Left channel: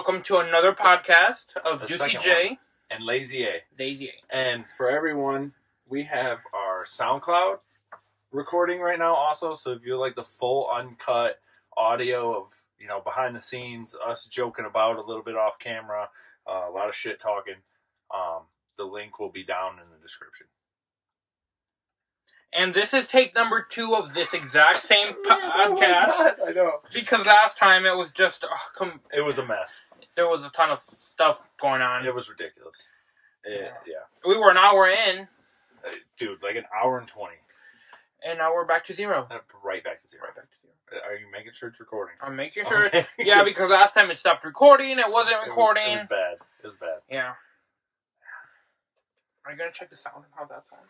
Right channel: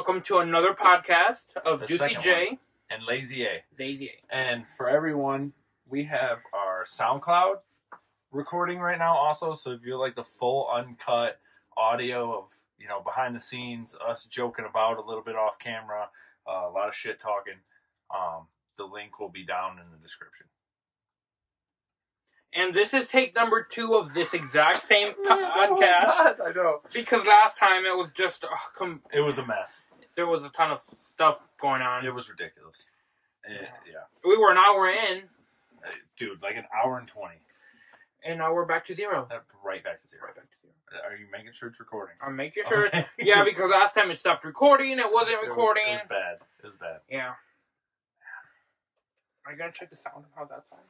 welcome to another podcast of Juicyjaye and Lazyaye. Lazyaye. And for everyone, we have our SoundCloud recording right now also. So if you like the full uncut audio of, behind the scenes, us joking about a little bit off camera, a lot of shit talking, the link will be down in the description. And this is take number 2 of this exact same podcast. Oh my God, I know. Because last time it was just... it was a mess. There was a ton of stuff going on. It was ridiculous. Yeah. We were an hour in. Dude, like an hour and 20. And now we're back to zero. Right back to zero. Are you making sure it's recording? I'm making sure. Okay. Yeah, because last time it stopped recording. It wasn't recording. It was bad. Yeah. Are you going to check the sound and how that sounds?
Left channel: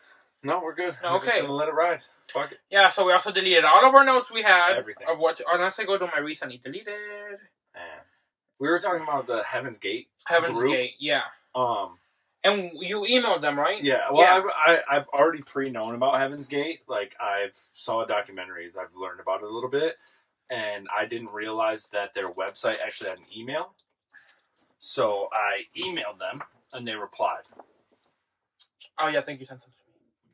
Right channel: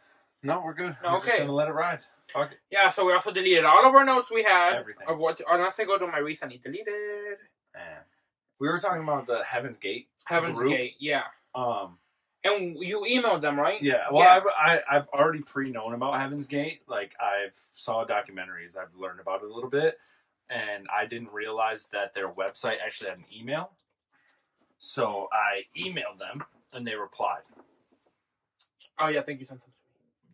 No, we're good. Okay. We're just going to let it ride. Fuck it. Yeah, so we also deleted all of our notes we had. Everything. Unless I go to my recently deleted. Man. We were talking about the Heaven's Gate Heaven's group. Gate, yeah. And you emailed them, right? Yeah. Well, yeah. I've already pre-known about Heaven's Gate. Like, I've saw documentaries. I've learned about it a little bit. And I didn't realize that their website actually had an email. So I emailed them, and they replied. Oh, yeah, I think you sent them to me.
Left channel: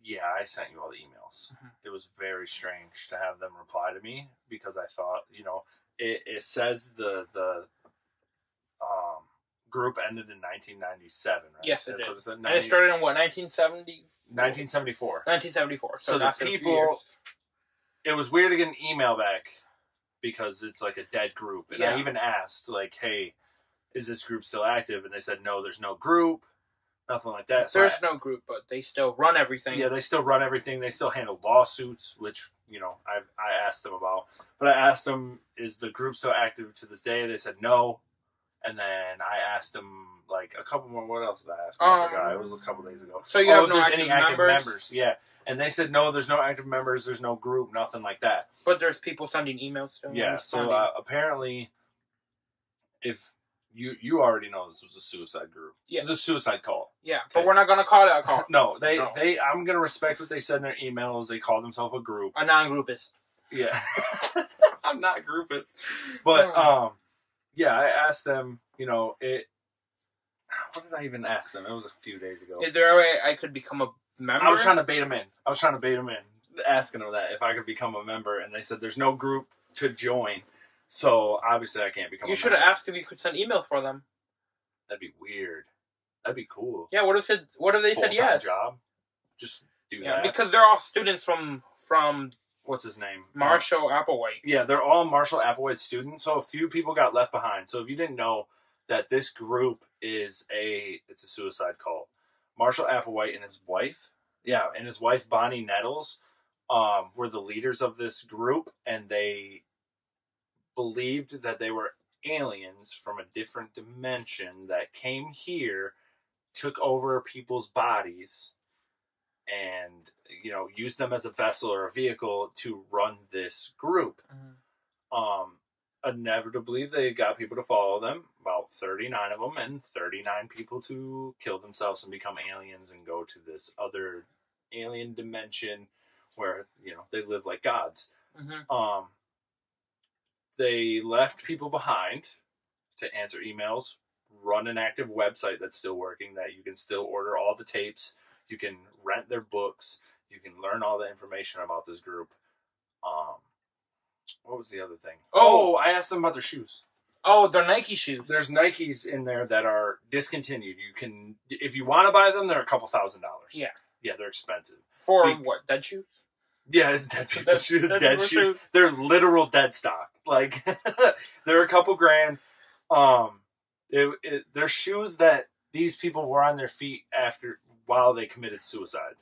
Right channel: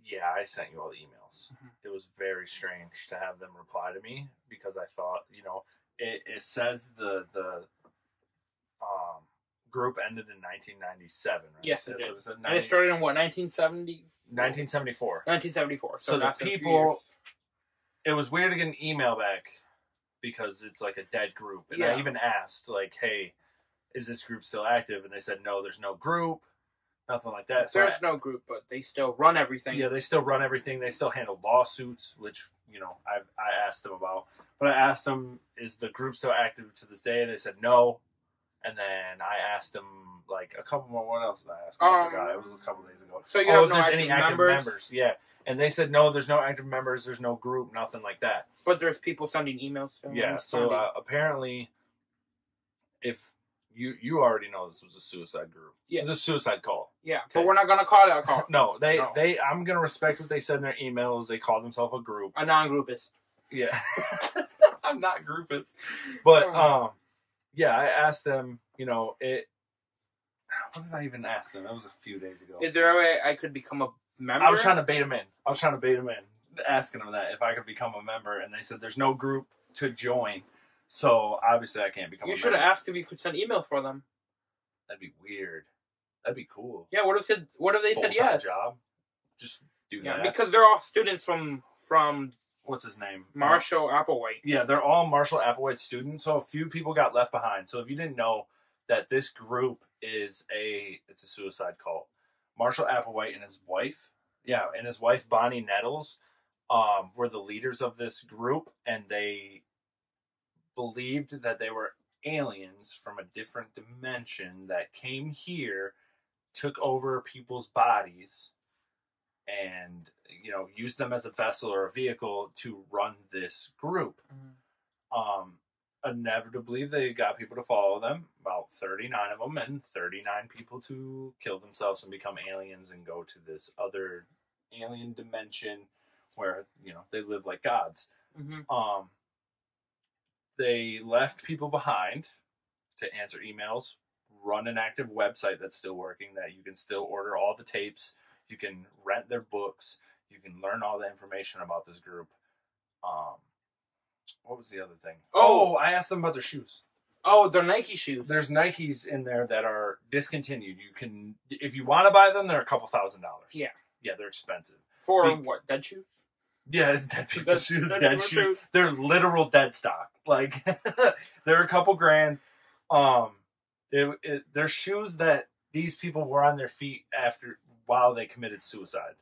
Yeah, I sent you all the emails. Mm-hmm. It was very strange to have them reply to me because I thought, it says the group ended in 1997, right? Yes, it did. So and it started in what, 1970? 1974. 1974. So the people, it was weird to get an email back because it's like a dead group. And I even asked, like, hey, is this group still active? And they said, no, there's no group. Nothing like that. There's no group, but they still run everything. Yeah, they still run everything. They still handle lawsuits, which, I asked them about. But I asked them, is the group still active to this day? They said no. And then I asked them, like, a couple more. What else did I ask? I forgot. It was a couple days ago. So you have if no there's active any active members? Yeah. And they said, no, there's no active members. There's no group, nothing like that. But there's people sending emails to them. Yeah, so apparently, if... You already know this was a suicide group. Yeah. It was a suicide cult. Yeah, okay. But we're not going to call it a cult. No, I'm going to respect what they said in their emails. They call themselves a group. A non-groupist. Yeah. I'm not groupist. But, yeah, I asked them, what did I even ask them? It was a few days ago. Is there a way I could become a member? I was trying to bait them in. Asking them that if I could become a member. And they said there's no group to join. So, obviously, I can't become a member. You should have asked if you could send emails for them. That'd be weird. That'd be cool. Yeah, what if they said yes? Job? Just do that. Because they're all students from what's his name? Marshall Applewhite. Yeah, they're all Marshall Applewhite students, so a few people got left behind. So if you didn't know that this group it's a suicide cult. Marshall Applewhite and his wife, Bonnie Nettles, were the leaders of this group, and they believed that they were aliens from a different dimension that came here, took over people's bodies, and used them as a vessel or a vehicle to run this group. Mm-hmm. Inevitably, they got people to follow them, about 39 of them, and 39 people to kill themselves and become aliens and go to this other alien dimension where they live like gods. Mm-hmm. They left people behind to answer emails, run an active website that's still working, that you can still order all the tapes, you can rent their books, you can learn all the information about this group. What was the other thing? Oh, I asked them about their shoes. Oh, their Nike shoes. There's Nikes in there that are discontinued. You can, if you want to buy them, they're a couple $1,000s. Yeah. Yeah, they're expensive. For what, dead shoes? Yeah, it's dead people's shoes, dead shoes. They're literal dead stock. Like, they're a couple grand. They're shoes that these people wore on their feet while they committed suicide.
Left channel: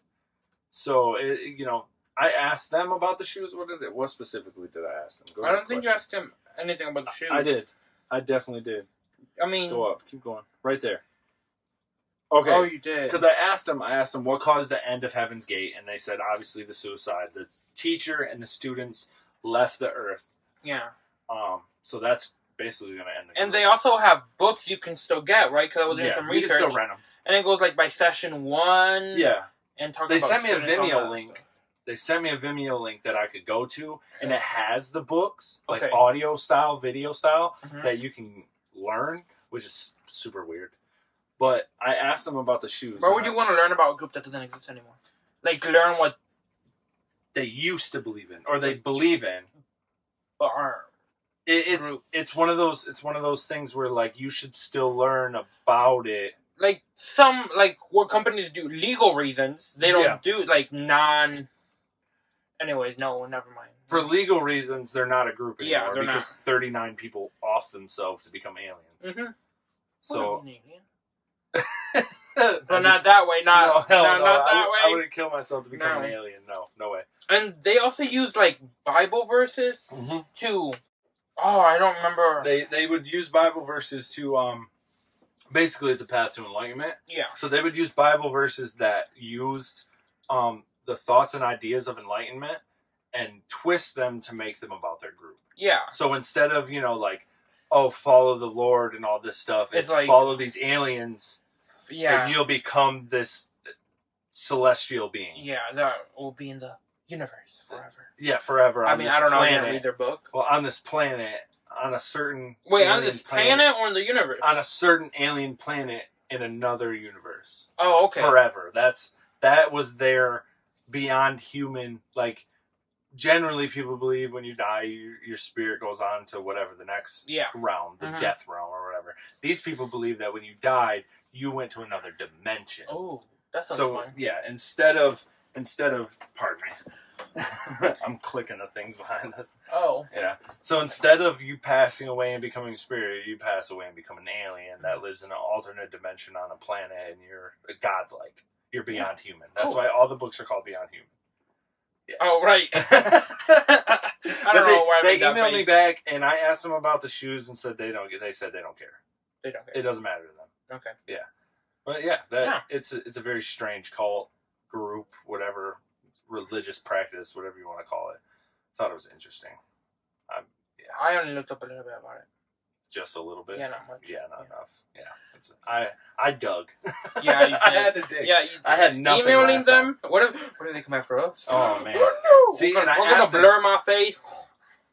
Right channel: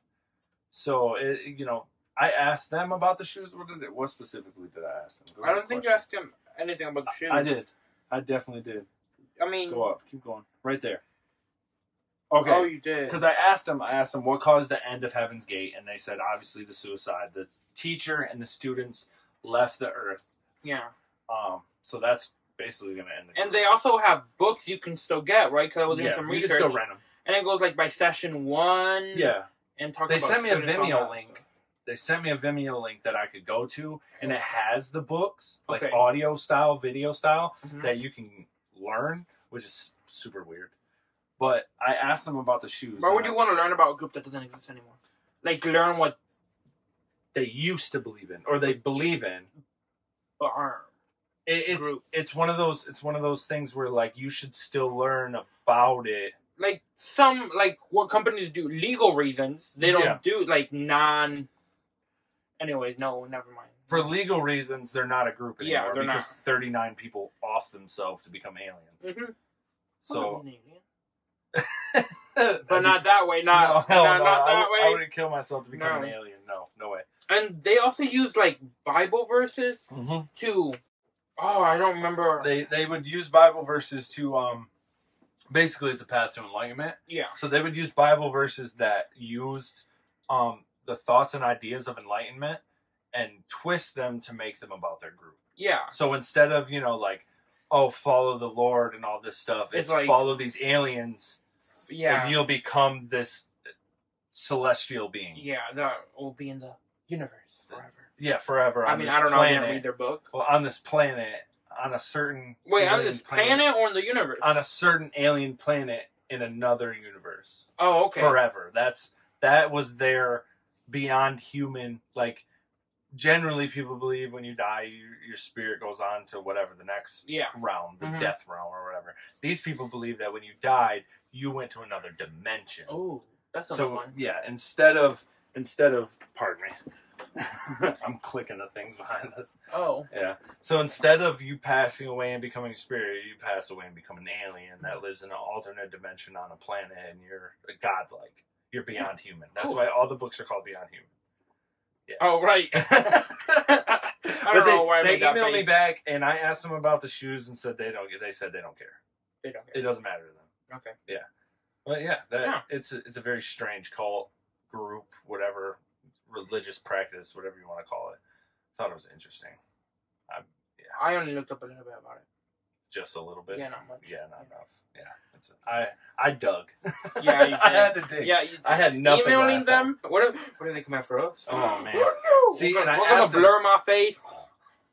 So, I asked them about the shoes. What specifically did I ask them? I don't think you asked them anything about the shoes. I did. I definitely did. I mean... Go up. Keep going. Right there. Okay. Oh, you did. Because I asked them what caused the end of Heaven's Gate, and they said, obviously, the suicide. The teacher and the students left the Earth. Yeah. So that's basically going to end the group. And they also have books you can still get, right? Because I was doing some research. You can still rent them. And it goes, like, by session 1. Yeah. And they sent me a Vimeo link. They sent me a Vimeo link that I could go to, and it has the books, like audio style, video style, that you can learn which is super weird. But I asked them about the shoes. Why would you want to learn about a group that doesn't exist anymore? Like, learn what they used to believe in, or they believe in, but aren't. It's one of those things where like you should still learn about it. Like what companies do, legal reasons. They don't do like non. Anyways, no, never mind. For legal reasons, they're not a group anymore they're because not. 39 people off themselves to become aliens. Mm-hmm. So. But not that way. Not that way. I wouldn't kill myself to become an alien. No way. And they also use like Bible verses to. Oh, I don't remember. They would use Bible verses to basically it's a path to enlightenment. Yeah. So they would use Bible verses that used the thoughts and ideas of enlightenment and twist them to make them about their group. Yeah. So instead of like, oh, follow the Lord and all this stuff, it's like, follow these aliens. Yeah. And you'll become this celestial being. Yeah, that will be in the universe forever. Yeah, forever. I don't know. I didn't read their book. Well, on this planet, on a certain... Wait, on this planet or in the universe? On a certain alien planet in another universe. Oh, okay. Forever. That was their beyond human... Like, generally people believe when you die, your spirit goes on to whatever the next realm, the death realm or whatever. These people believe that when you died, you went to another dimension. Oh, that sounds fun. Yeah, instead of pardon me, I'm clicking the things behind us. Oh, yeah. So instead of you passing away and becoming a spirit, you pass away and become an alien that lives in an alternate dimension on a planet, and you're godlike. You're beyond human. That's why all the books are called Beyond Human. Yeah. Oh, right. They emailed me back, and I asked them about the shoes and said they said they don't care. They don't care. It doesn't matter to them. Okay. Yeah. But it's a very strange cult group, whatever religious practice, whatever you want to call it. Thought it was interesting. I only looked up a little bit about it. Just a little bit. Yeah, not much. Yeah, not enough. Yeah, I dug. Yeah, you did. I had to dig. Yeah, I had nothing. Emailing them. What do they come after us? Oh man. Oh, no. See, we're gonna blur my face.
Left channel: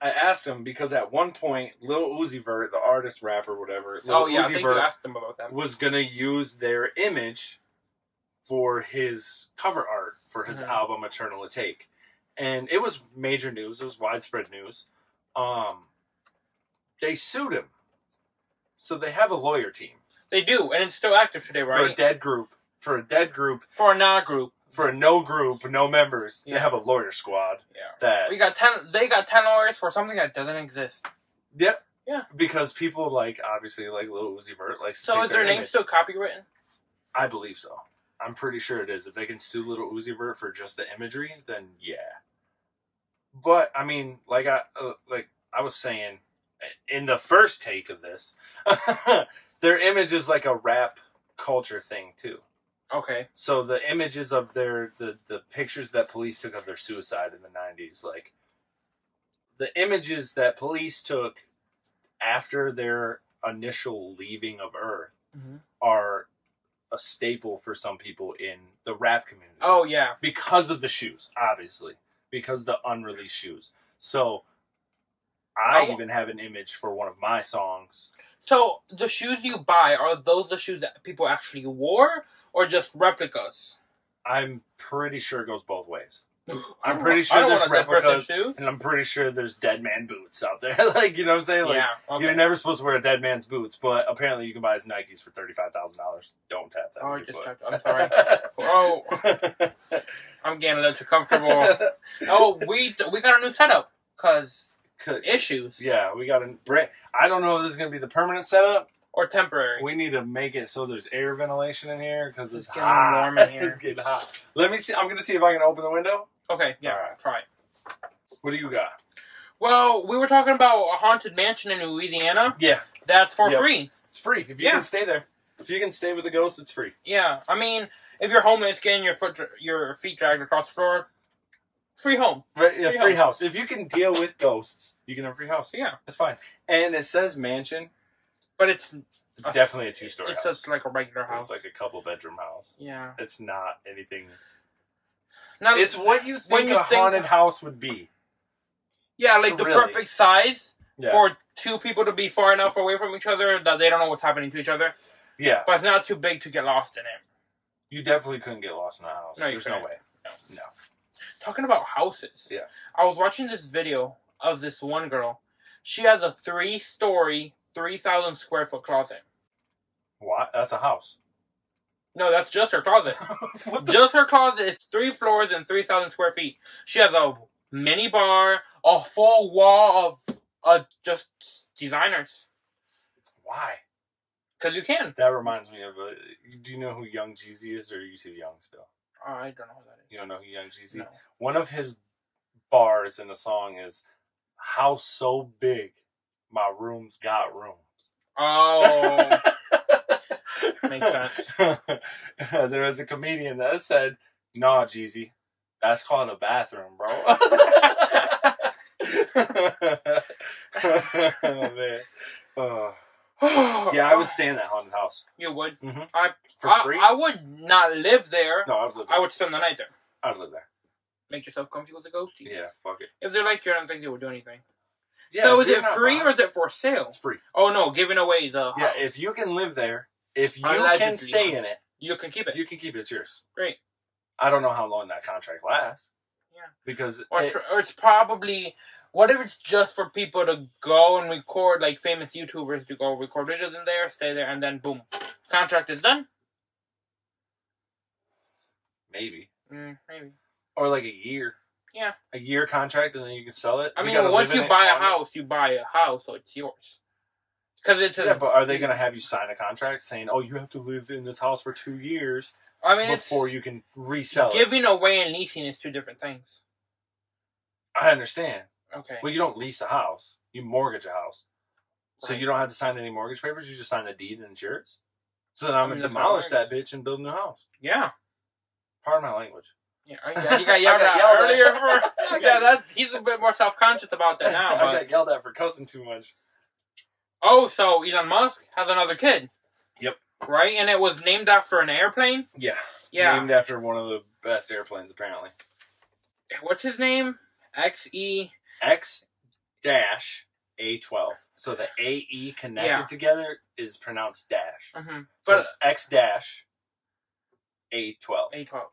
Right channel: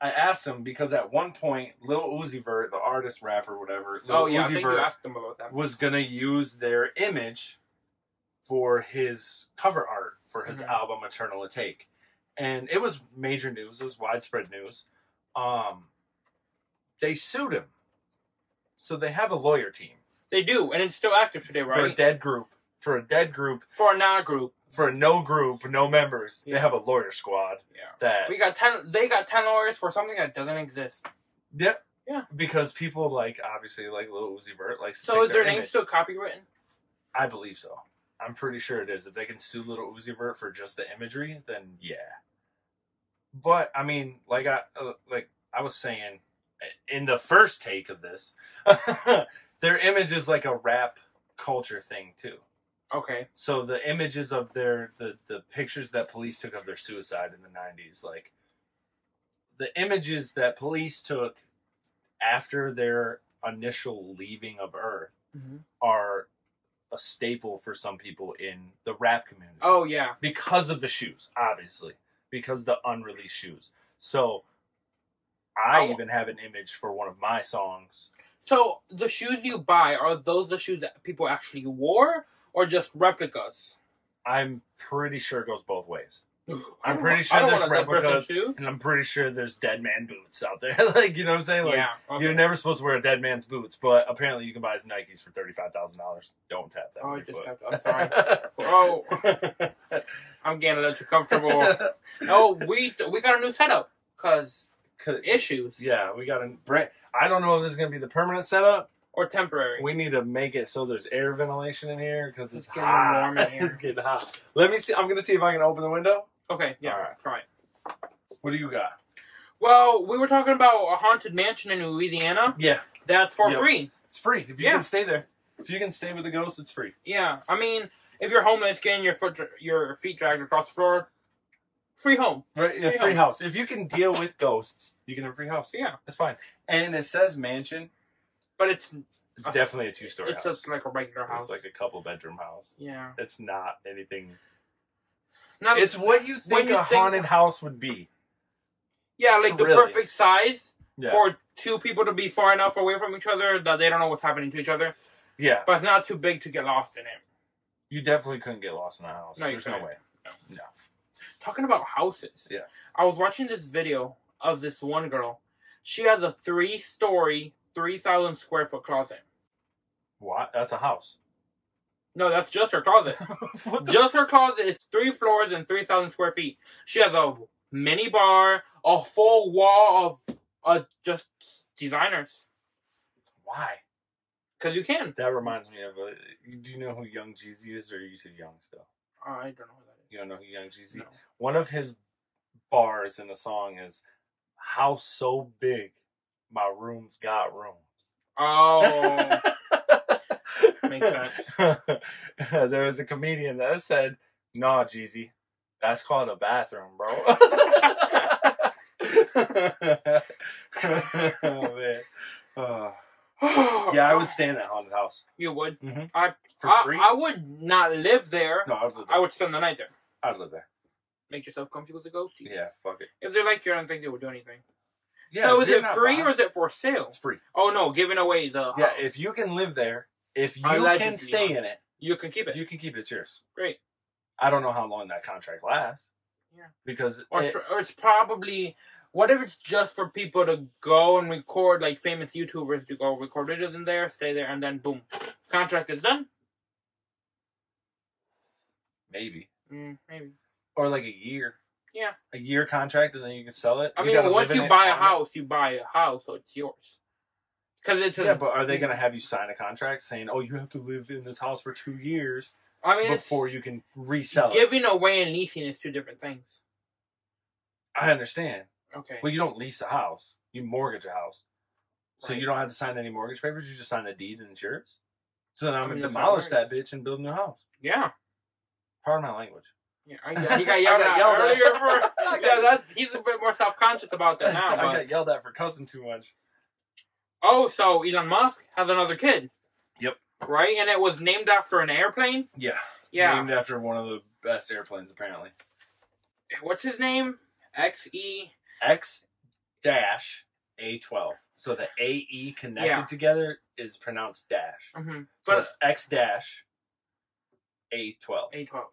I asked him because at one point, Lil Uzi Vert, the artist, rapper, whatever, Uzi Vert you asked them about that. Was gonna use their image for his cover art for his album Eternal Take, and it was major news. It was widespread news. They sued him, so they have a lawyer team. They do, and it's still active today, right? For a dead group. For a dead group. For a not group. For a no group, no members. Yeah. They have a lawyer squad. Yeah. They got 10 lawyers for something that doesn't exist. Yep. Yeah. Because people obviously Lil Uzi Vert likes to take their image. So is their name still copywritten? I believe so. I'm pretty sure it is. If they can sue Lil Uzi Vert for just the imagery, then yeah. But I mean, I was saying in the first take of this, their image is like a rap culture thing too. Okay. So the images of the pictures that police took of their suicide in the 90s, the images that police took after their initial leaving of Earth are a staple for some people in the rap community. Oh, yeah. Because of the shoes, obviously. Because the unreleased shoes. So I even have an image for one of my songs. So the shoes you buy, are those the shoes that people actually wore? Or just replicas? I'm pretty sure it goes both ways. I'm pretty sure there's replicas, and I'm pretty sure there's dead man boots out there. You know what I'm saying? You're never supposed to wear a dead man's boots, but apparently you can buy his Nikes for $35,000. Don't tap that. I'm sorry. Oh, I'm getting a little too comfortable. We got a new setup because issues. Yeah, we got a brand. I don't know if this is gonna be the permanent setup. Or temporary. We need to make it so there's air ventilation in here because it's getting warm in here. It's getting hot. Let me see. I'm going to see if I can open the window. Okay. Yeah. All right. Try it. What do you got? Well, we were talking about a haunted mansion in Louisiana. Yeah. That's for free. It's free. If you can stay there. If you can stay with the ghost, it's free. Yeah. I mean, if you're homeless, getting your feet dragged across the floor, free home. Right. Yeah, free house. If you can deal with ghosts, you can have a free house. Yeah. That's fine. And it says mansion. But it's definitely a 2-story house. It's just like a regular house. It's like a couple-bedroom house. Yeah. It's not anything... It's what you think a haunted house would be. Yeah, like the perfect size. for two people to be far enough away from each other that they don't know what's happening to each other. Yeah. But it's not too big to get lost in it. You definitely couldn't get lost in a house. No, There's no way. No. Talking about houses. Yeah. I was watching this video of this one girl. She has a 3-story, 3,000 square foot closet. What? That's a house. No, that's just her closet. Just her closet is 3 floors and 3,000 square feet. She has a mini bar, a full wall of just designers. Why? Because you can. That reminds me of do you know who Young Jeezy is, or are you too young still? Oh, I don't know who that is. You don't know who Young Jeezy? No. One of his bars in the song is "House so big, my room's got rooms." Oh, makes sense. There was a comedian that said, "Nah, Jeezy, that's called a bathroom, bro." Oh man. Yeah, I would stay in that haunted house. You would? Mm-hmm. For free? I would not live there. No, I would live there. I would spend the night there. I would live there. Make yourself comfy with a ghostie. Yeah, fuck it. If they're like you, I don't think they would do anything. Yeah, so is it free or is it for sale? It's free. Oh no, giving away the house. Yeah, if you can live there, if you can stay in it, you can keep it. You can keep it. It's yours. Great. I don't know how long that contract lasts. Yeah. Because or it's probably, what if it's just for people to go and record, like famous YouTubers to go record videos in there, stay there, and then boom, contract is done? Maybe. Maybe. Or like a year. Yeah. A year contract, and then you can sell it. I mean, once you buy a house, you buy a house, so it's yours. Because it's yeah, but are they going to have you sign a contract saying, "Oh, you have to live in this house for 2 years"? I mean, before you can resell it. Giving away and leasing is two different things. I understand. Okay. Well, you don't lease a house; you mortgage a house, so you don't have to sign any mortgage papers. You just sign the deed and it's yours. So then I'm gonna demolish that bitch and build a new house. Yeah. Pardon my language. Yeah, he got yelled at earlier. He's a bit more self-conscious about that now. I got yelled at for cussing too much. Oh, so Elon Musk has another kid. Yep. Right? And it was named after an airplane? Yeah. Yeah. Named after one of the best airplanes, apparently. What's his name? X-A-12. So the A-E connected together is pronounced dash. Mm-hmm. So it's X-A12. A12.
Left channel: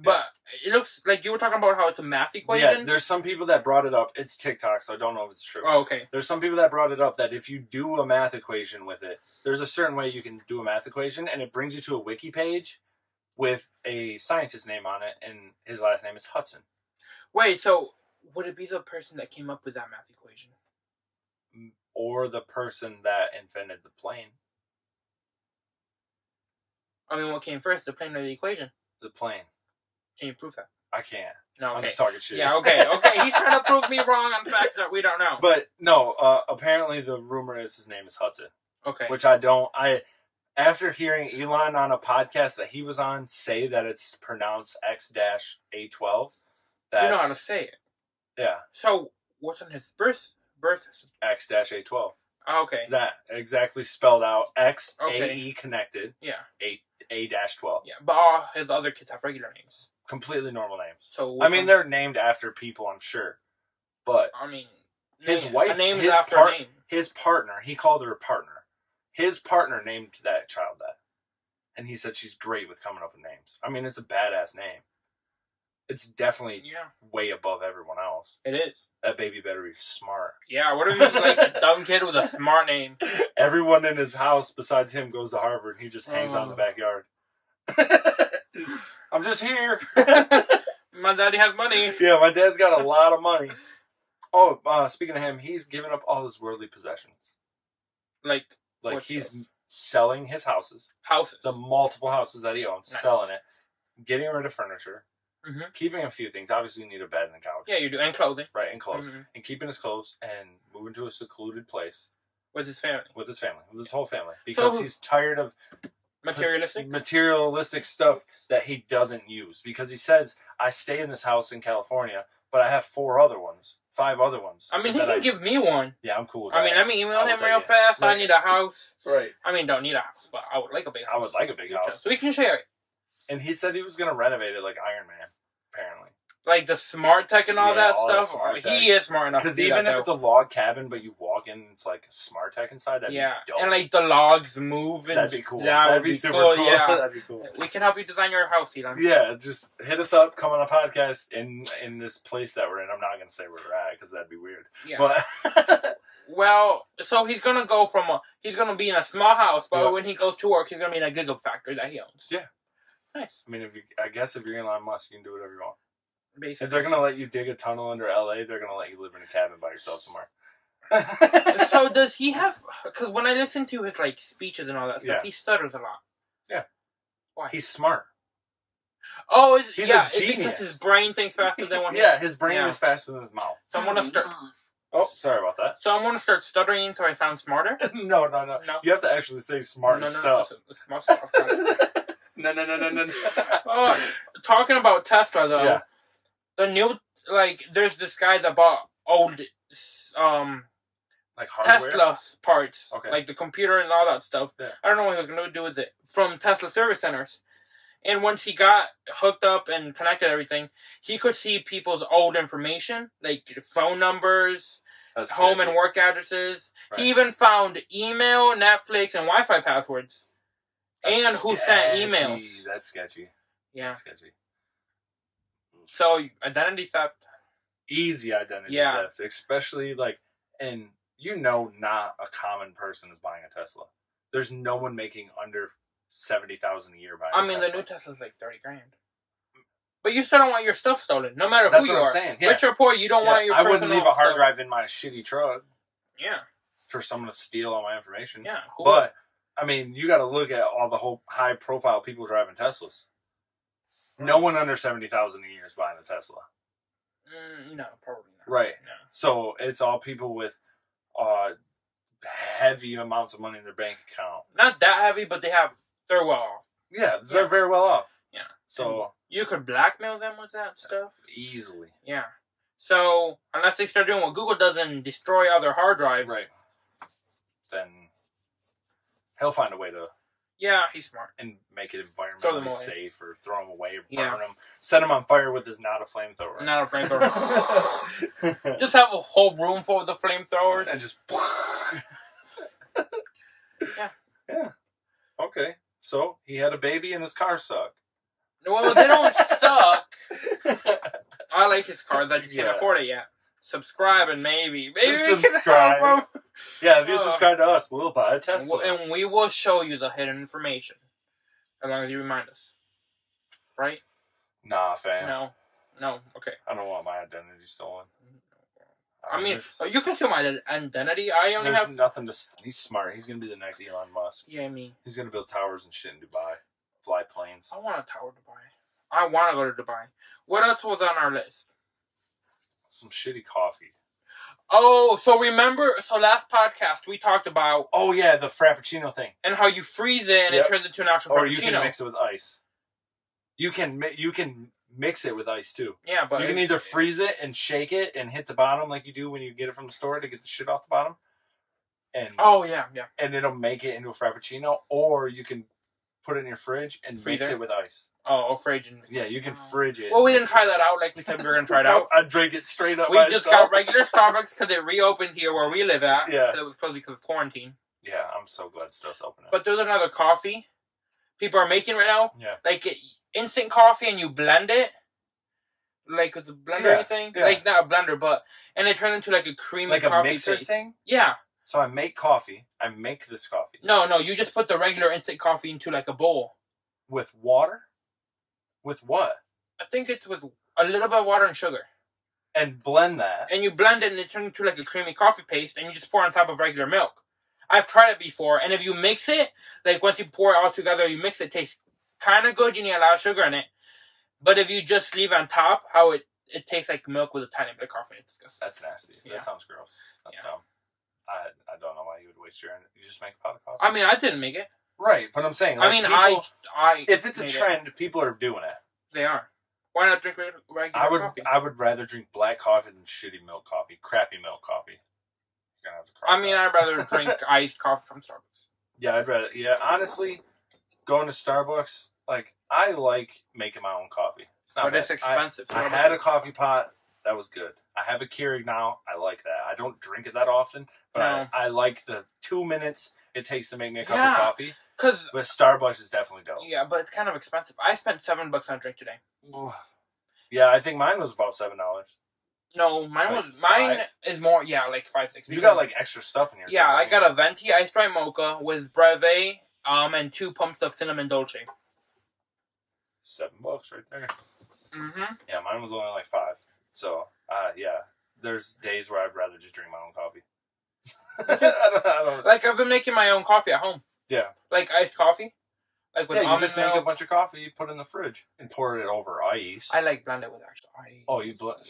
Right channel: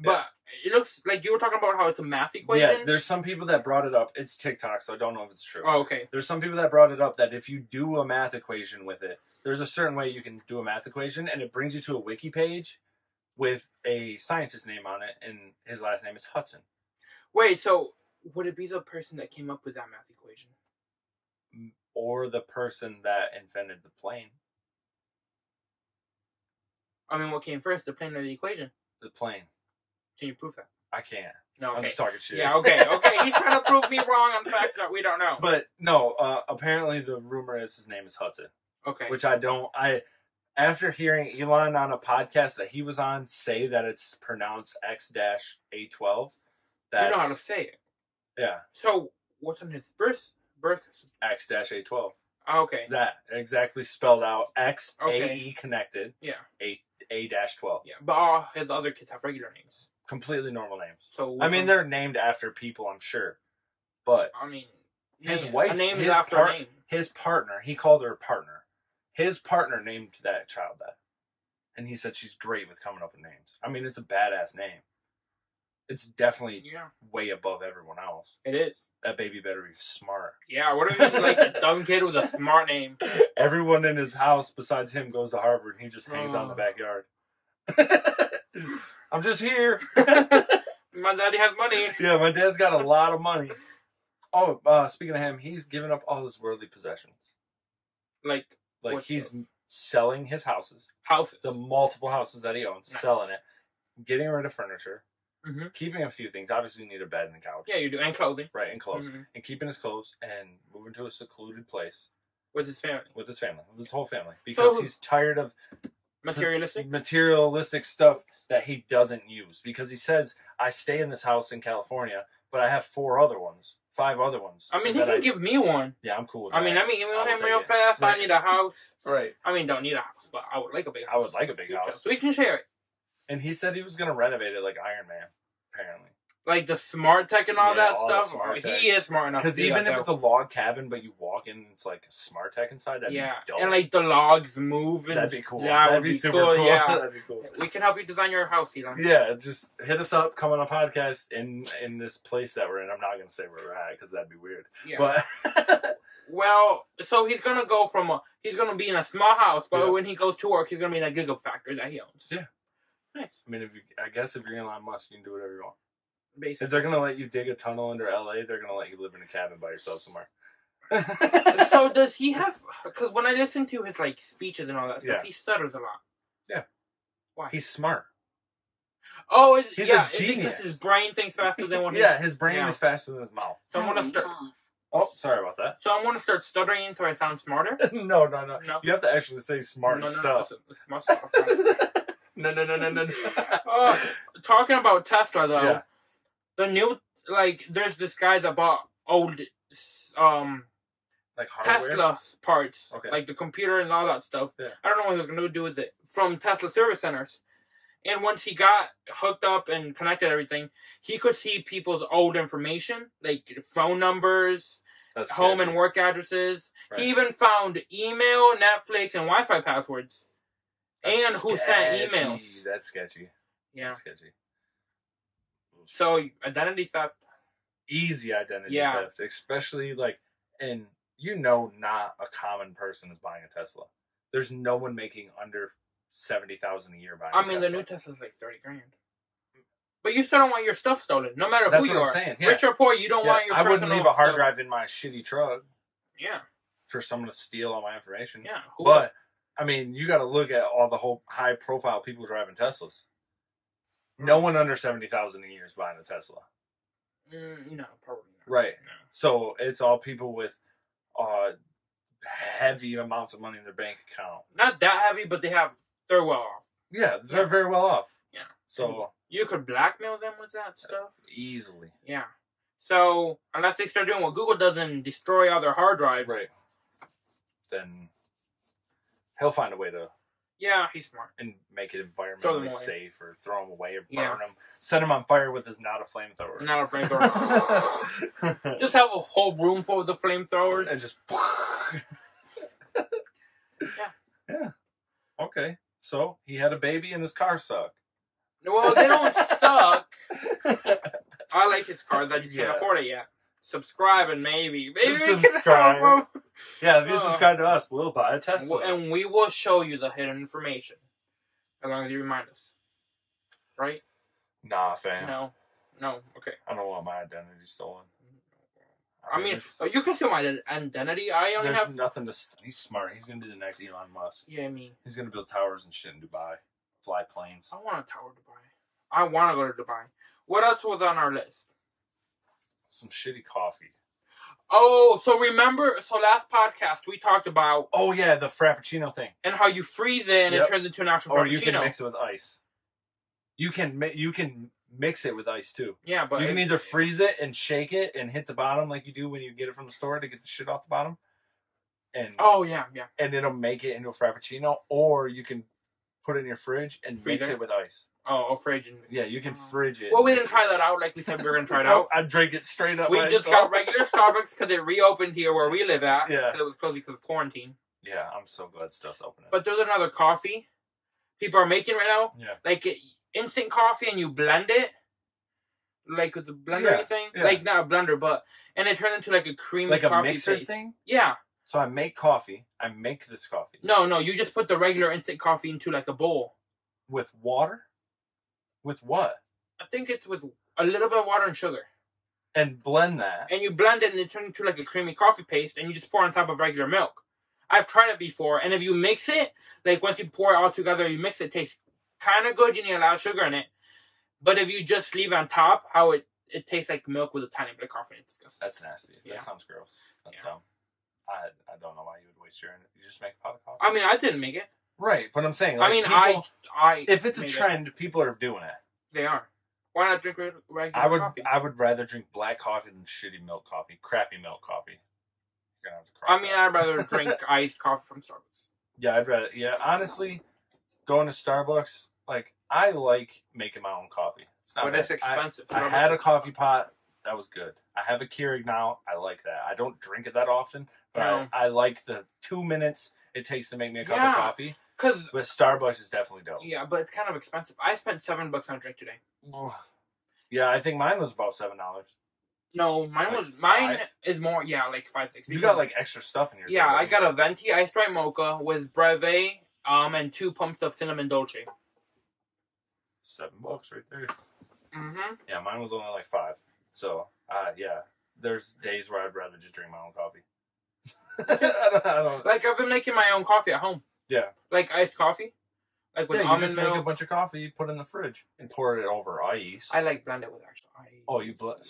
But it looks like you were talking about how it's a math equation. Yeah, there's some people that brought it up. It's TikTok, so I don't know if it's true. Oh, okay. There's some people that brought it up that if you do a math equation with it, there's a certain way you can do a math equation, and it brings you to a wiki page with a scientist's name on it, and his last name is Hudson. Wait, so would it be the person that came up with that math equation? Or the person that invented the plane. I mean, what came first, the plane or the equation? The plane. Can you prove that? I can't. No, okay. I'm just talking shit. Yeah, okay. He's trying to prove me wrong on facts that we don't know. But no, apparently the rumor is his name is Hudson. Okay. Which after hearing Elon on a podcast that he was on say that it's pronounced X-A12. You know how to say it. Yeah. So what's on his birth? X-A12. Oh, okay. That exactly spelled out. X-A-E connected. Yeah. A-12. Yeah, but all his other kids have regular names. Completely normal names. So I mean, they're named after people, I'm sure. But I mean, his wife, his partner, he called her partner. His partner named that child that. And he said she's great with coming up with names. I mean, it's a badass name. It's definitely way above everyone else. It is. That baby better be smart. Yeah, what if he's like a dumb kid with a smart name? Everyone in his house besides him goes to Harvard and he just hangs out in the backyard. I'm just here. My daddy has money. Yeah, my dad's got a lot of money. Oh, speaking of him, he's given up all his worldly possessions. Like he's selling his houses. The multiple houses that he owns, selling it, getting rid of furniture, keeping a few things. Obviously, you need a bed and a couch. Yeah, you do. And clothing. Right, and clothes. And keeping his clothes and moving to a secluded place. With his family. With his whole family. Because he's tired of materialistic stuff that he doesn't use. Because he says, I stay in this house in California, but I have 5 other ones. I mean, he can give me one. Yeah, I'm cool with that. I mean, email him real fast. Right. I need a house. Right. I mean, don't need a house, but I would like a big house. I would like a big house. So we can share it. And he said he was going to renovate it like Iron Man, apparently. like the smart tech and all that all the stuff. smart tech. He is smart enough. Because to do even that, if though. it's a log cabin, but you walk in, it's like a smart tech inside. That'd be dope. And like the logs move. And that'd be cool. That that'd would be super cool. cool. Yeah, That'd be cool. We can help you design your house, Elon. Yeah, just hit us up. Come on a podcast in this place that we're in. I'm not gonna say where we're at because that'd be weird. Yeah. But well, so he's gonna go from he's gonna be in a small house, but Yeah. when he goes to work, he's gonna be in a gigafactory that he owns. Yeah. Nice. I mean, I guess if you're Elon Musk, you can do whatever you want. Basically. If they're gonna let you dig a tunnel under LA, they're gonna let you live in a cabin by yourself somewhere. So does he have? Because when I listen to his like speeches and all that stuff, Yeah. he stutters a lot. Yeah. Why? He's smart. Oh, He's yeah, a it's genius. because his brain thinks faster than when Yeah, his brain Yeah. is faster than his mouth. So I'm gonna start. Oh, sorry about that. So I'm gonna start stuttering so I sound smarter. No. No. You have to actually say smart stuff. Smart stuff. No. Talking about Tesla though, Yeah. the new there's this guy that bought old Like hardware? Tesla parts, Okay. like the computer and all that stuff. Yeah. I don't know what he was going to do with it from Tesla service centers. And once he got hooked up and connected everything, he could see people's old information, like phone numbers, That's home sketchy. and work addresses. Right. He even found email, Netflix, and Wi-Fi passwords. That's and who sent sketchy. emails. That's sketchy. Yeah. That's sketchy. So identity theft. Easy identity Yeah. theft, especially and not a common person is buying a Tesla. There's no one making under $70,000 a year buying. I a mean, Tesla. the new Tesla's like $30,000. But you still don't want your stuff stolen, no matter That's who you what I'm are. saying. Yeah. Rich or poor, you don't want your. I wouldn't leave a hard stuff. drive in my shitty truck Yeah. for someone to steal all my information. Yeah. But I mean, you got to look at all the whole high-profile people driving Teslas. No one under $70,000 a year is buying a Tesla. No, probably not. Right. No. So it's all people with heavy amounts of money in their bank account. Not that heavy, but they're well off. Yeah, they're very well off. Yeah. So You could blackmail them with that stuff. easily. Yeah. So unless they start doing what Google does and destroy all their hard drives. Right. Then he'll find a way to Yeah, he's smart. and make it Throw them environmentally away. safe or throw them away or Yeah. burn them. Set them on fire with his not a flamethrower. Not a flamethrower. Just have a whole room full of the flamethrowers. And just Yeah. Yeah. Okay. So he had a baby and his car sucked. Well, they don't suck. I like his cars. I just Yeah. can't afford it yet. Subscribe and maybe we can Subscribe. help 'em. Yeah, if you subscribe to us, we'll buy a Tesla. And we will show you the hidden information. As long as you remind us. Right? Nah, fam. No. No. Okay. I don't want my identity stolen. I mean, you can steal my identity. I only there's have... nothing to. He's smart. He's gonna be the next Elon Musk. Yeah, I mean... He's gonna build towers and shit in Dubai, fly planes. I want a tower to Dubai. I want to go to Dubai. What else was on our list? Some shitty coffee. Oh, so remember... So last podcast, we talked about... Oh yeah, the Frappuccino thing. And how you freeze it and Yep. it turns into an actual Or Frappuccino. you can mix it with ice. You can mix it with ice too. Yeah, but... You can either freeze it and shake it and hit the bottom like you do when you get it from the store to get the shit off the bottom. And Oh, yeah, yeah. and it'll make it into a Frappuccino, or you can put it in your fridge and Freeze mix it? it with ice. Oh, fridge. And... Yeah, you can fridge it. Well, we and didn't mix try it. that out like we said we were going to try it Nope, out. I drank it straight up We by just itself. got regular Starbucks because it reopened here where we live at. Yeah. So it was closed because of quarantine. Yeah, I'm so glad stuff's open up. But there's another coffee people are making right now. Yeah. Like instant coffee and you blend it. Like with the blender thing. yeah. Like not a blender, but... And it turns into like a creamy Like coffee a mixer paste. thing? Yeah. So I make coffee. I make this coffee. No, you just put the regular instant coffee into like a bowl. With water? With what? I think it's with a little bit of water and sugar. And blend that. And you blend it and it turns into like a creamy coffee paste and you just pour on top of regular milk. I've tried it before, and if you mix it, like once you pour it all together, you mix it, it tastes kind of good. You need a lot of sugar in it. But if you just leave on top, how it tastes like milk with a tiny bit of coffee. It's disgusting. That's nasty. Yeah. That sounds gross. That's Yeah. dumb. I don't know why you would waste your energy. You just make a pot of coffee. I mean, I didn't make it. Right, but I'm saying, like, I mean, people, I if it's a made it. trend, people are doing it. They are. Why not drink regular coffee? I would rather drink black coffee than shitty milk coffee, crappy milk coffee. You're gonna have to cry. I mean, I'd rather drink iced coffee from Starbucks. yeah, I'd rather. Yeah, honestly, going to Starbucks, like I like making my own coffee. It's not but bad. it's expensive. I had a coffee pot. That was good. I have a Keurig now. I like that. I don't drink it that often, but No. I like the 2 minutes it takes to make me a cup of coffee. But Starbucks is definitely dope. Yeah, but it's kind of expensive. I spent $7 on a drink today. Yeah, I think mine was about $7. No, mine is more. Yeah, like 5, 6. You got like extra stuff in yours. Yeah, I got a venti iced white mocha with breve, and 2 pumps of cinnamon dolce. $7 right there. Mm-hmm. Yeah, mine was only like 5. So, yeah, there's days where I'd rather just drink my own coffee. I don't. Like, I've been making my own coffee at home. Yeah. Like iced coffee. Like with you just make a bunch of coffee, put it in the fridge, and pour it over ice. I like blend it with actual ice. Oh,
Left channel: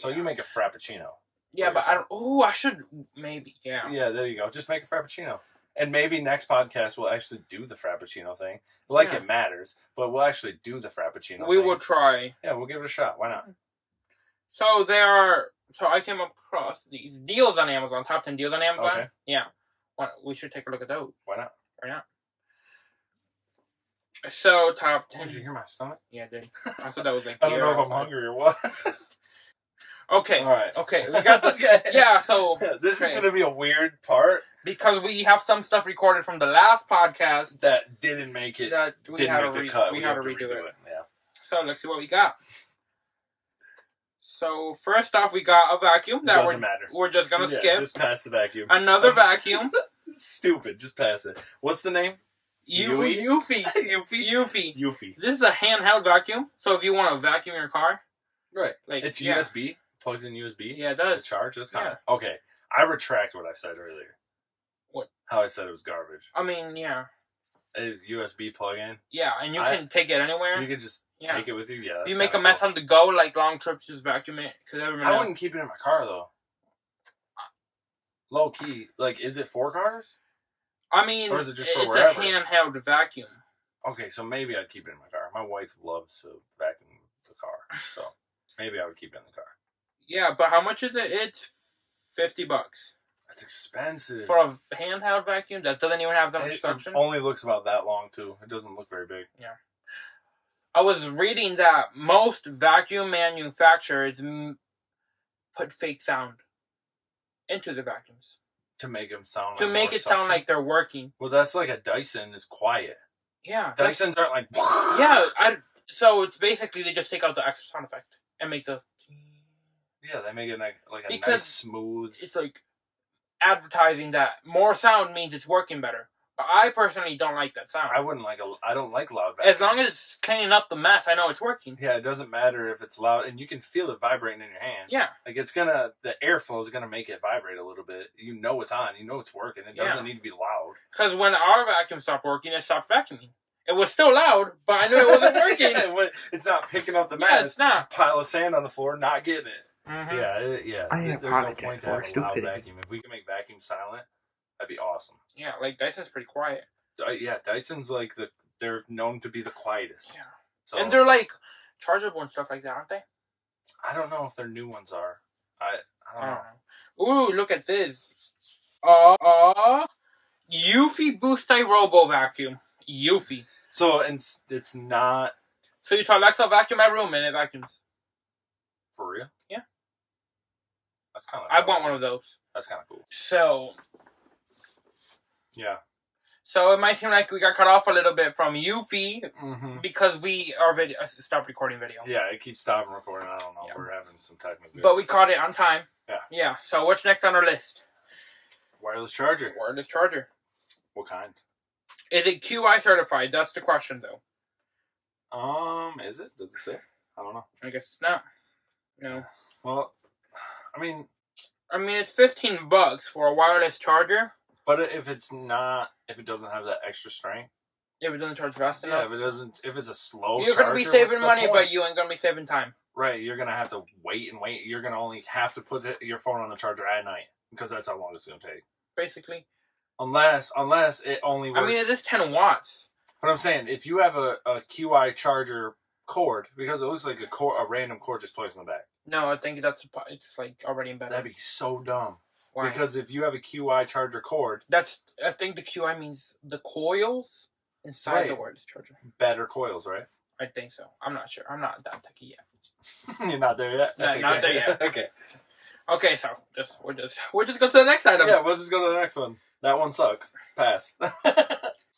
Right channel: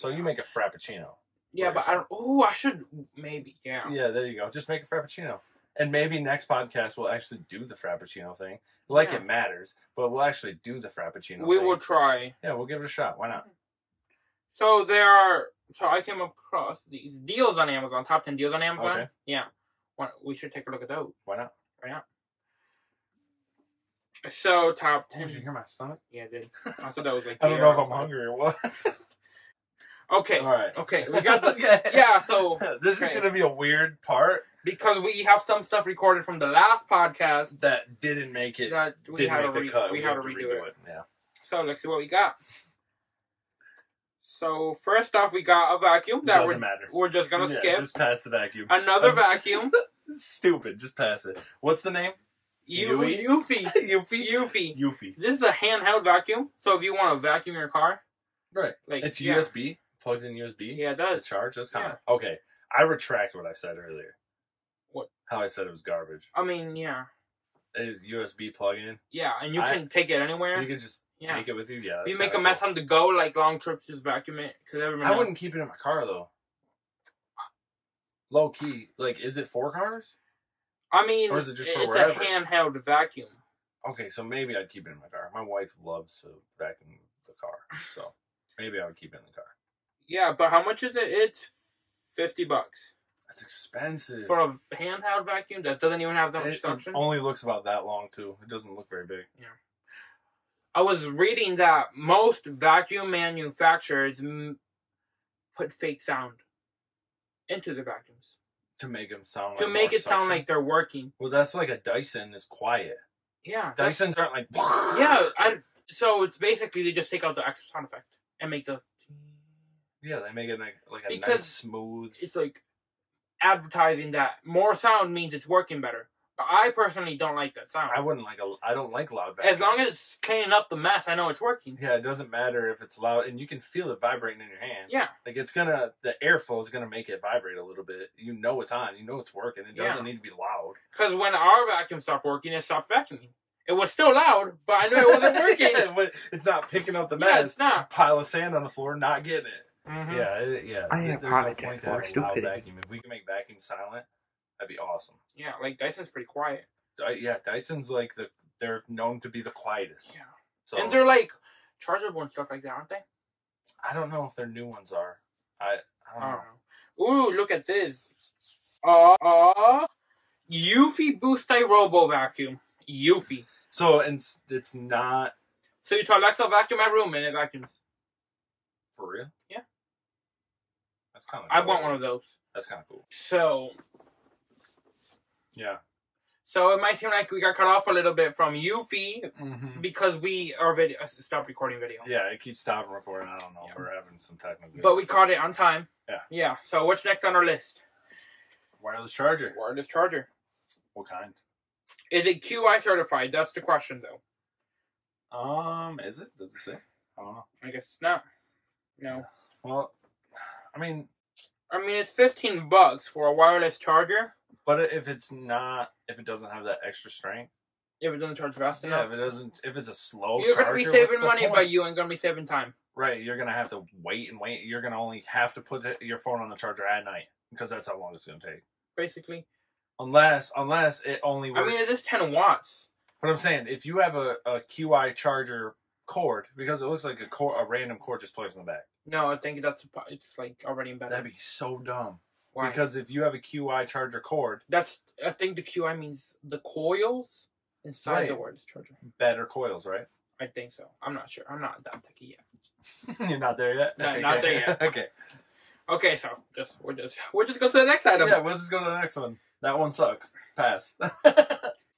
you make a frappuccino. Yeah, but I don't. Oh, I should maybe. Yeah. Yeah, there you go. Just make a frappuccino, and maybe next podcast we'll actually do the frappuccino thing. Like it matters, but we'll actually do the frappuccino. We will try. Yeah, we'll give it a shot. Why not? So I came across these deals on Amazon. Top 10 deals on Amazon. Okay. Yeah. We should take a look at those. Why not? Right now. So top 10. Did you hear my stomach? Yeah, I did. I thought that was like. I don't know if I'm hungry or what. Okay. All right. Okay. We got the. Yeah. So this is gonna be a weird part because we have some stuff recorded from the last podcast that didn't make it. That we didn't had make to the cut. We had to redo it. Yeah. So let's see what we got. So first off, we got a vacuum that doesn't matter. We're just gonna skip. Just pass the vacuum. Another vacuum. Stupid. Just pass it. What's the name? Eufy. Eufy. This is a handheld vacuum. So if you want to vacuum your car, right? Like it's USB. Plugs in USB. Yeah, it does. The charge. That's kind of okay. I retract what I said earlier. What? How I said it was garbage. I mean, yeah. It is USB plug-in. Yeah, and you can take it anywhere. You can just take it with you. Yeah. If you make a mess on the go, like long trips, just vacuum it. I wouldn't keep it in my car though. Low key, like, is it for cars? I mean, or is it just for it's wherever? a handheld vacuum. Okay, so maybe I'd keep it in my car. My wife loves to vacuum the car, so maybe I would keep it in the car. Yeah, but how much is it? It's $50. That's expensive for a handheld vacuum that doesn't even have that much suction. It only looks about that long too. It doesn't look very big. Yeah. I was reading that most vacuum manufacturers put fake sound into the vacuums to make them sound to make it sound like they're working. Well, that's like a Dyson is quiet. Yeah, Dysons aren't like. Yeah, so it's basically they just take out the extra sound effect and make the. Yeah, they make it like a nice smooth. It's like advertising that more sound means it's working better. But I personally don't like that sound. I don't like loud vacuums. As long as it's cleaning up the mess, I know it's working. Yeah, it doesn't matter if it's loud, and you can feel it vibrating in your hand. Yeah. Like the airflow is gonna make it vibrate a little bit. You know it's on. You know it's working. It doesn't need to be loud. Because when our vacuum stopped working, it stopped vacuuming. It was still loud, but I knew it wasn't working. It's not picking up the mess. Yeah, it's not. Pile of sand on the floor, not getting it. Mm-hmm. Yeah. I apologize for stupidity. Vacuum. If we can make vacuum silent, that'd be awesome. Yeah, like Dyson's pretty quiet. Yeah, Dyson's like they're known to be the quietest. Yeah. So, and they're like chargeable and stuff like that, aren't they? I don't know if their new ones are. I don't know. Ooh, look at this. Eufy Boosty Robo Vacuum. Eufy. So it's not. So you tell Alexa vacuum my room and it vacuums. For real? Yeah. That's kind of. I want one of those. That's kind of cool. So. Yeah. So it might seem like we got cut off a little bit from Eufy because our video stopped recording video. Yeah, it keeps stopping recording. I don't know. Yeah. We're having some technical. But we caught it on time. Yeah. Yeah. So what's next on our list? Wireless charger. Wireless charger. What kind? Is it QI certified? That's the question, though. Is it? Does it say? I don't know. I guess it's not. No. Well, I mean, it's $15 for a wireless charger. But if it doesn't have that extra strength, if it doesn't charge fast enough, if it's a slow, you're gonna be saving money, but you ain't gonna be saving time. Right, you're gonna have to wait and wait. You're gonna only have to put your phone on the charger at night because that's how long it's gonna take. Basically, unless it only works. I mean, it is 10 watts. But I'm saying if you have a QI charger cord, because it looks like a random cord just plugs in the back. No, I think it's like already embedded. That'd be so dumb. Why? Because if you have a QI charger cord... I think the QI means the coils inside the word charger. Better coils, right? I think so. I'm not sure. I'm not that techy yet. You're not there yet? No, not there yet. Okay. Okay, so we'll just go to the next item. Yeah, we'll just go to the next one. That one sucks. Pass.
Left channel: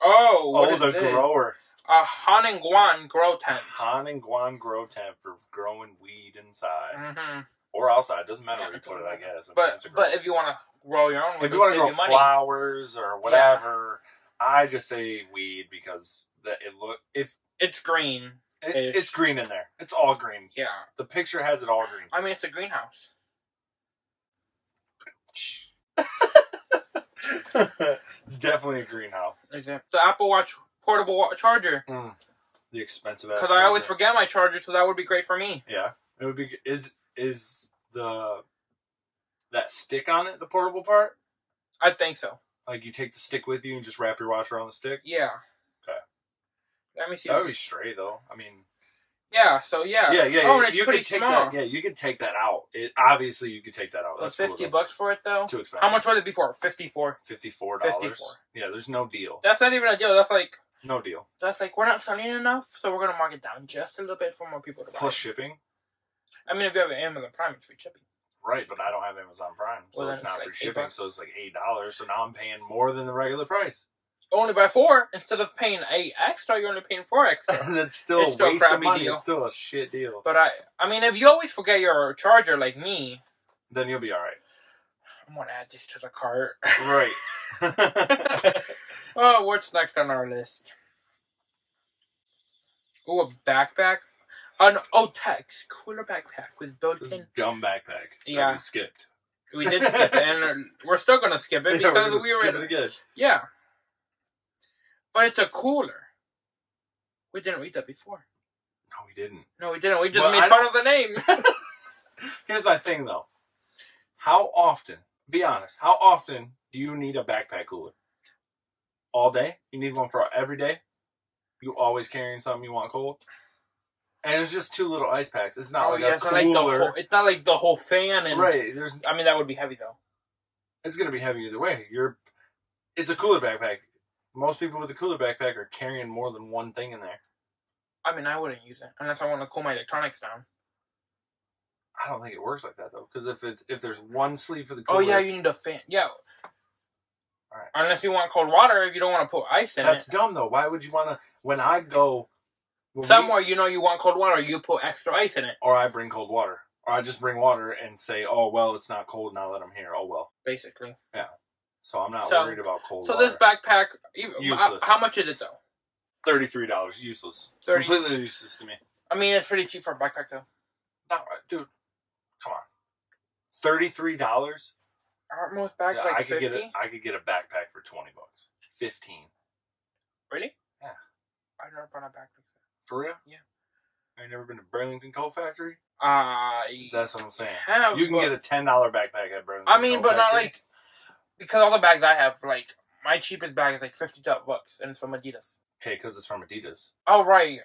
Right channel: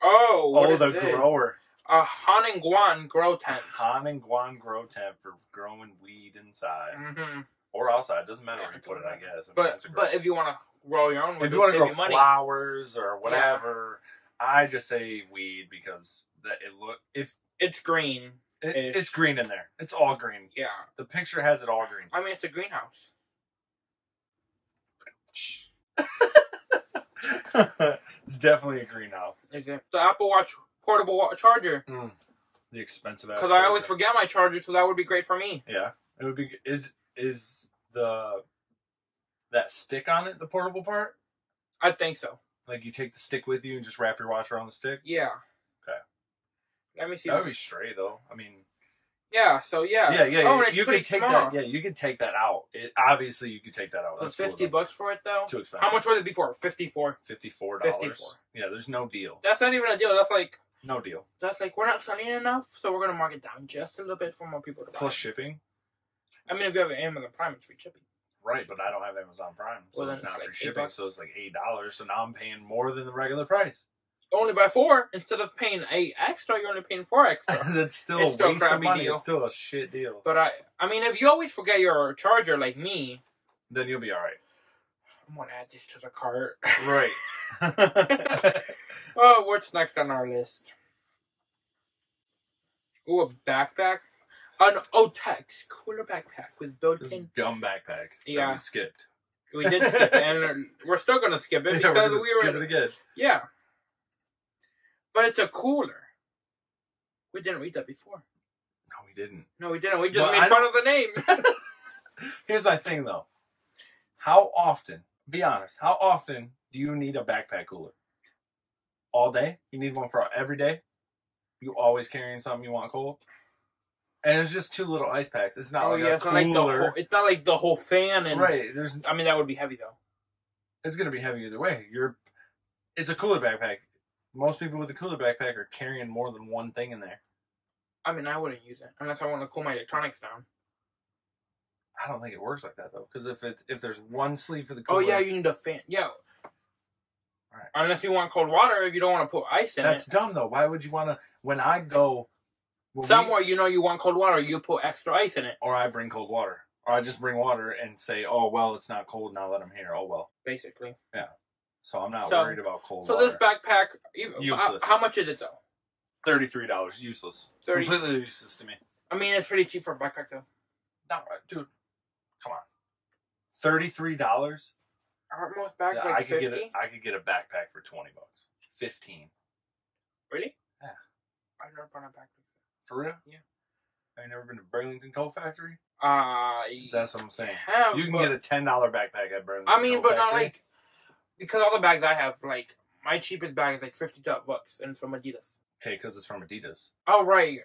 Oh, the grower. A Haningguan grow tent. Haningguan grow tent for growing weed inside. Mm-hmm. Or outside. Doesn't matter where you put it, I guess. But if you want to grow your own, if you want to grow flowers or whatever, I just say weed because it's green. It's green in there. It's all green. Yeah. The picture has it all green. I mean, it's a greenhouse. It's definitely a greenhouse. Exactly. It's an Apple Watch portable charger. The expensive ass. Because I always forget my charger, so that would be great for me. Yeah, it would be. Is that stick on it the portable part? I think so. Like you take the stick with you and just wrap your watch around the stick. Yeah. Okay. Let me see. That would be straight though. I mean. Yeah. So yeah. Yeah. Oh, and it's you pretty could take small. that. Yeah, you could take that out. Obviously, you could take that out. That's $50 $50 for it though. Too expensive. How much was it before? $54. $54. Yeah, there's no deal. That's not even a deal. That's like. No deal. That's like we're not selling enough, so we're gonna mark it down just a little bit for more people to buy. Plus shipping. I mean, if you have an Amazon Prime, it's free shipping. Right, but I don't have Amazon Prime, so Well, it's not like free shipping. $8. So it's like $8. So now I'm paying more than the regular price. Only by 4 instead of paying 8 extra. You're only paying 4 extra. That's still It's a still a waste of crappy money. deal. It's still a shit deal. But I mean, if you always forget your charger like me, Then you'll be all right. I'm gonna add this to the cart. Right. Oh, what's next on our list? Ooh, a backpack. An Otex cooler backpack with built-in. This is a dumb backpack. Yeah. That we skipped. We did skip it, and we're still gonna skip it Yeah, because we're gonna we were. skip it again. Yeah. But it's a cooler. We didn't read that before. No, we didn't. No, we didn't. We just Well, made fun of the name. Here's my thing, though. How often, be honest, how often do you need a backpack cooler? All day? You need one for every day? You always carrying something you want cold? And it's just 2 little ice packs. It's not like a so cooler. like the whole, it's not like the whole fan. And, right. I mean, that would be heavy, though. It's going to be heavy either way. It's a cooler backpack. Most people with a cooler backpack are carrying more than one thing in there. I mean, I wouldn't use it unless I want to cool my electronics down. I don't think it works like that, though. Because if there's one sleeve for the cooler... Oh, yeah, you need a fan. Yeah. All right. Unless you want cold water, if you don't want to put ice in That's it. dumb, though. Why would you want to... When I go... Somewhere you know you want cold water, you put extra ice in it. Or I bring cold water. Or I just bring water and say, oh, well, it's not cold now that I'm here. Oh, well. Basically. Yeah. So I'm not worried about cold water. So this backpack... Useless. How much is it, though? $33. Useless. 30. Completely useless to me. I mean, it's pretty cheap for a backpack, though. Not right. Dude, come on. $33? Aren't most bags Yeah, like I could 50? I could get a backpack for $20. 15. Really? Yeah. I've never bought a backpack. For real? Yeah. Have you never been to Burlington Coat Factory? That's what I'm saying. You can get a $10 backpack at Burlington. I mean, Coat but not Factory. like because all the bags I have, like my cheapest bag is like $50 and it's from Adidas. Okay, because it's from Adidas. Oh right.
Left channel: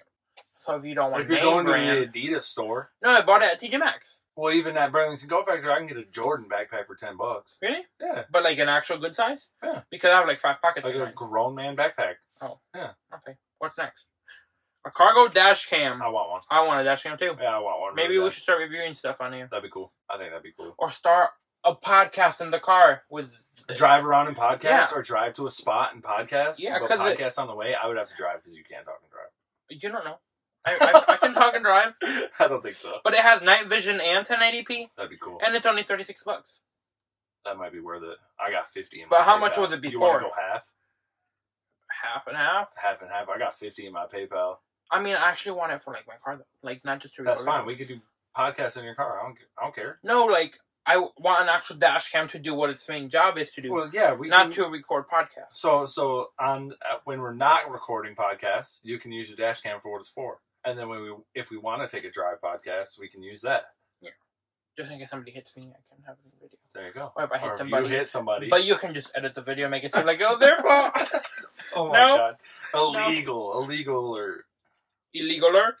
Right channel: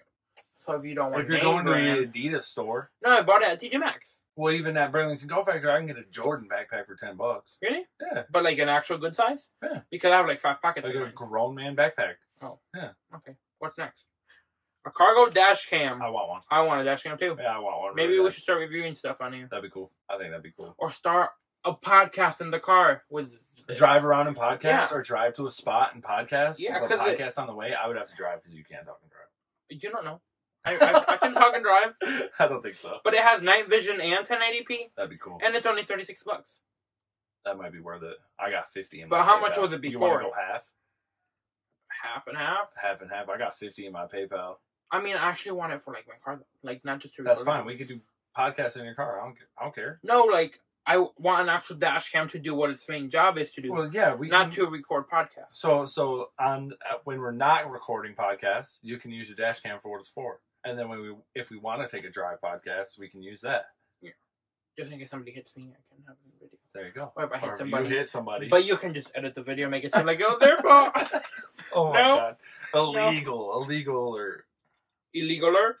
So if you don't want, if you're going to the Adidas store, no, I bought it at TJ Maxx. Well, even at Burlington Coat Factory, I can get a Jordan backpack for $10. Really? Yeah. But like an actual good size? Yeah. Because I have like 5 pockets. Like a grown man backpack. Oh. Yeah. Okay. What's next? A cargo dash cam. I want one. I want a dash cam too. Yeah, I want one. Maybe really we bad. should start reviewing stuff on here. That'd be cool. I think that'd be cool. Or start a podcast in the car with this. Drive around and podcast, Yeah. or drive to a spot and podcast. Yeah, but 'cause podcast on the way. I would have to drive because you can't talk and drive. You don't know. I can talk and drive. I don't think so. But it has night vision and 1080p. That'd be cool. And it's only $36. That might be worth it. I got 50 in my But how PayPal. much was it You want before? to go half? Half and half? Half and half. I got 50 in my PayPal. I mean, I actually want it for like my car though. Like not just to That's record fine. videos. We could do podcasts in your car. I don't care. No, like I want an actual dash cam to do what its main job is to do. Well, yeah, we not can, to record podcasts. So on when we're not recording podcasts, you can use your dash cam for what it's for. And then if we want to take a drive podcast, we can use that. Yeah. Just in case somebody hits me, I can have it in the video. There you go. Or if I hit Or somebody. if you hit somebody. But you can just edit the video and make it seem like, oh, their fault. Oh my No. god. Illegal or Illegaler?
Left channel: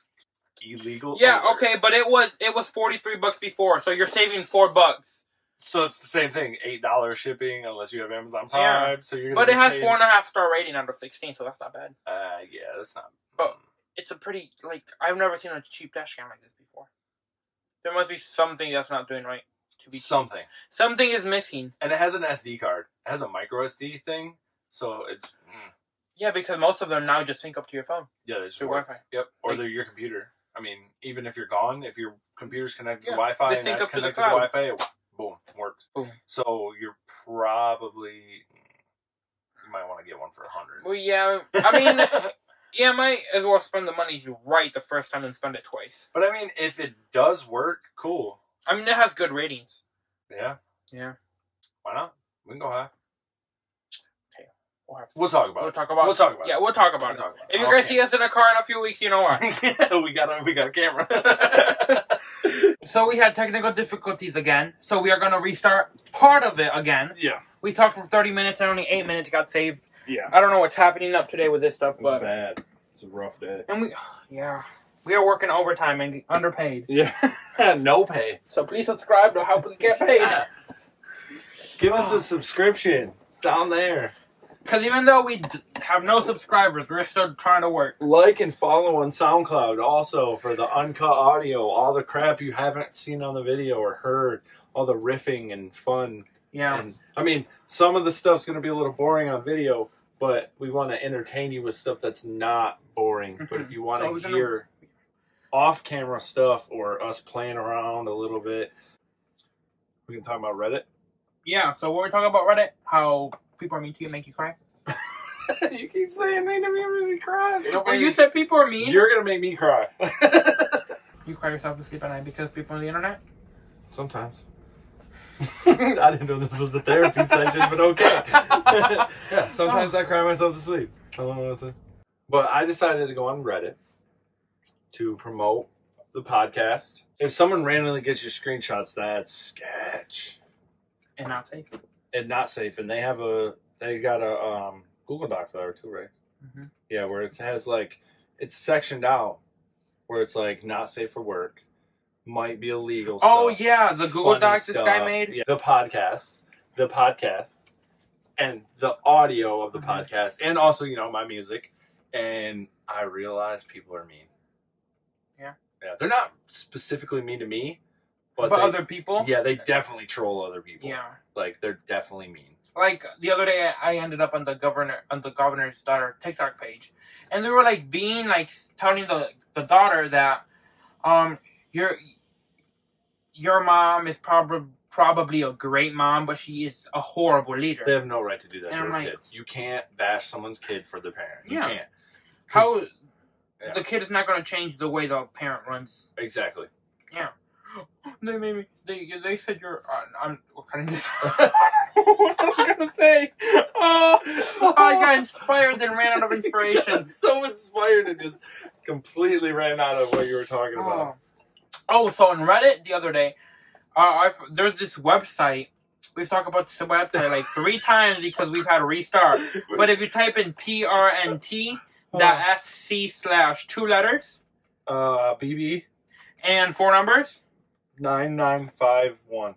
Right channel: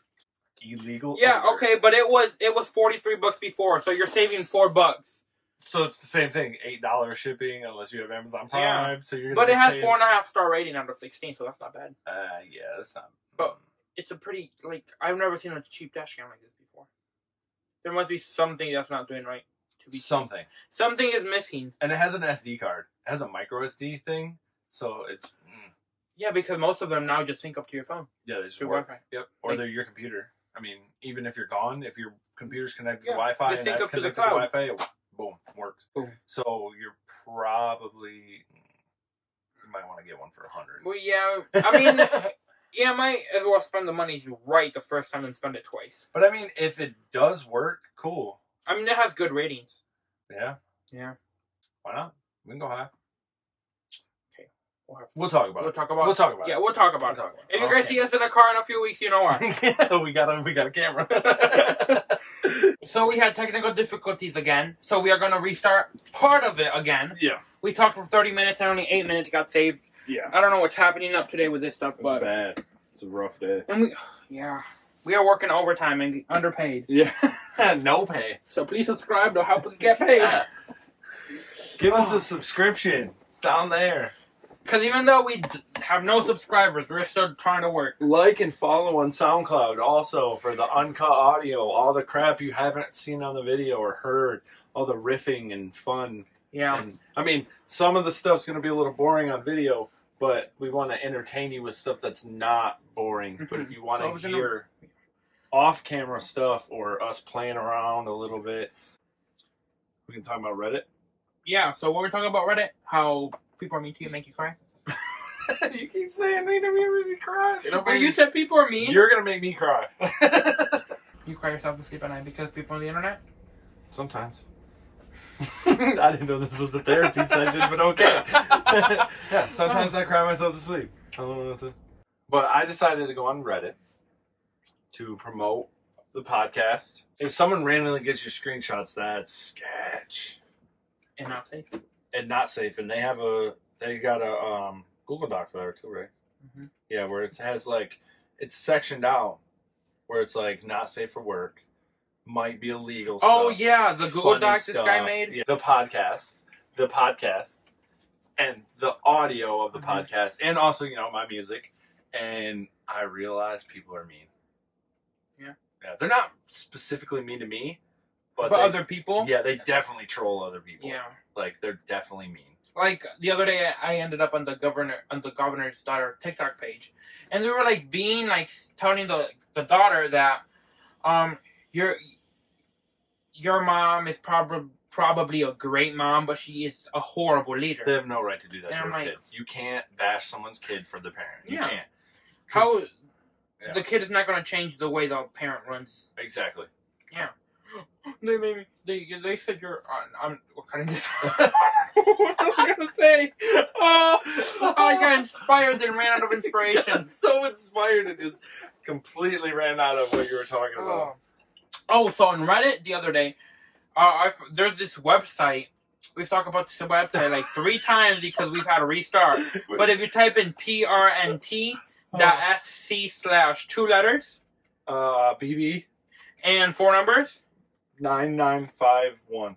illegal. Yeah, alerts. okay, but it was $43 before, so you're saving $4. So it's the same thing. $8 shipping unless you have Amazon Prime. Yeah. So you're But it has paying... 4.5 star rating out of 16, so that's not bad. Yeah, that's not. But it's a pretty, like, I've never seen a cheap dash cam like this before. There must be something that's not doing right. To be Something. cheap. Something is missing. And it has an SD card. It has a micro SD thing, so it's... Yeah, because most of them now just sync up to your phone. Yeah, they just through work. Wi-Fi. Yep, or Like, they're your computer. I mean, even if you're gone, if your computer's connected to Yeah, Wi-Fi they and sync that's up to the connected to cloud. Wi-Fi, it, boom, works. Boom. So you're probably... You might want to get one for $100. Well, yeah, I mean, yeah, I might as well spend the money right the first time than spend it twice. But I mean, if it does work, cool. I mean, it has good ratings. Yeah. Yeah. Why not? We can go half. Okay. We'll talk about it. We'll talk about We'll talk about it. Yeah, we'll talk about it. If you guys see us in a car in a few weeks, you know why. Yeah, we got a camera. So we had technical difficulties again. So we are going to restart part of it again. Yeah. We talked for 30 minutes and only 8 minutes got saved. Yeah. I don't know what's happening up today with this stuff, but... It's bad. It's a rough day. And we are working overtime and underpaid. Yeah. No pay. So please subscribe to help us get paid. Give us a subscription down there. Because even though we have no subscribers, we're still trying to work. Like and follow on SoundCloud also for the uncut audio, all the crap you haven't seen on the video or heard, all the riffing and fun. Yeah. And, I mean, some of the stuff's going to be a little boring on video, but we want to entertain you with stuff that's not boring. But if you want to hear off-camera stuff or us playing around a little bit, we can talk about Reddit. Yeah, so what we're talking about Reddit, how people are mean to you, make you cry. You keep saying mean to me, make me cry. Or you said people are mean? You're going to make me cry. You cry yourself to sleep at night because people on the internet? Sometimes. I didn't know this was a therapy session, but okay. Yeah, sometimes I cry myself to sleep. I don't know what to... But I decided to go on Reddit to promote the podcast. If someone randomly gets your screenshots, that's sketch. And not safe. And not safe. And they got a Google Doc for that too, right? Mm-hmm. Yeah, where it has like, it's sectioned out where it's like not safe for work, might be illegal stuff. Oh yeah, the Google Doc this guy made? Yeah, the podcast, and the audio of the podcast, and also, you know, my music. And I realized people are mean. Yeah. Yeah, they're not specifically mean to me, but other people? Yeah, they definitely troll other people. Yeah. Like, they're definitely mean. Like, the other day, I ended up on the governor's daughter TikTok page. And they were, like, telling the daughter that, your mom is probably a great mom, but she is a horrible leader. They have no right to do that and to I'm a like, kid. You can't bash someone's kid for the parent. You Yeah. can't. How... Yeah. The kid is not going to change the way the parent runs. Exactly. Yeah. They made me... They said you're... I'm cutting this. What am I going to say? Oh, I got inspired and ran out of inspiration. So inspired and just completely ran out of what you were talking about. Oh, so on Reddit the other day, there's this website. We've talked about this website like 3 times because we've had a restart. But if you type in prnt.sc/2 letters. BB. And 4 numbers. 9951.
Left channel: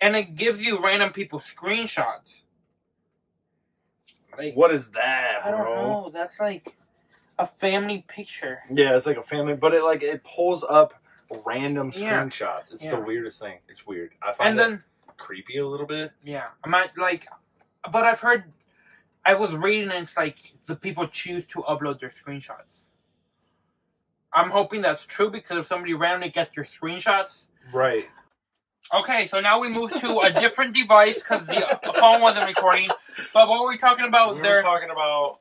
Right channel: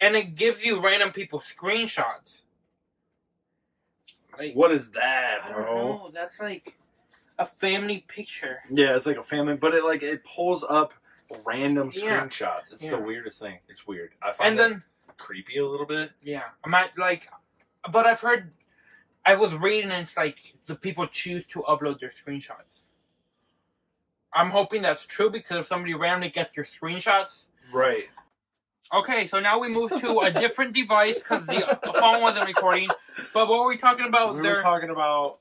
And it gives you random people's screenshots. Like, what is that, bro? I don't know. That's like a family picture. Yeah, it's like a family, but it pulls up random screenshots. It's the weirdest thing. It's weird. I find it creepy a little bit. Yeah, but I was reading and it's like the people choose to upload their screenshots. I'm hoping that's true because if somebody randomly gets your screenshots, right. Okay, so now we move to a different device because the phone wasn't recording. But what were we talking about? We were talking about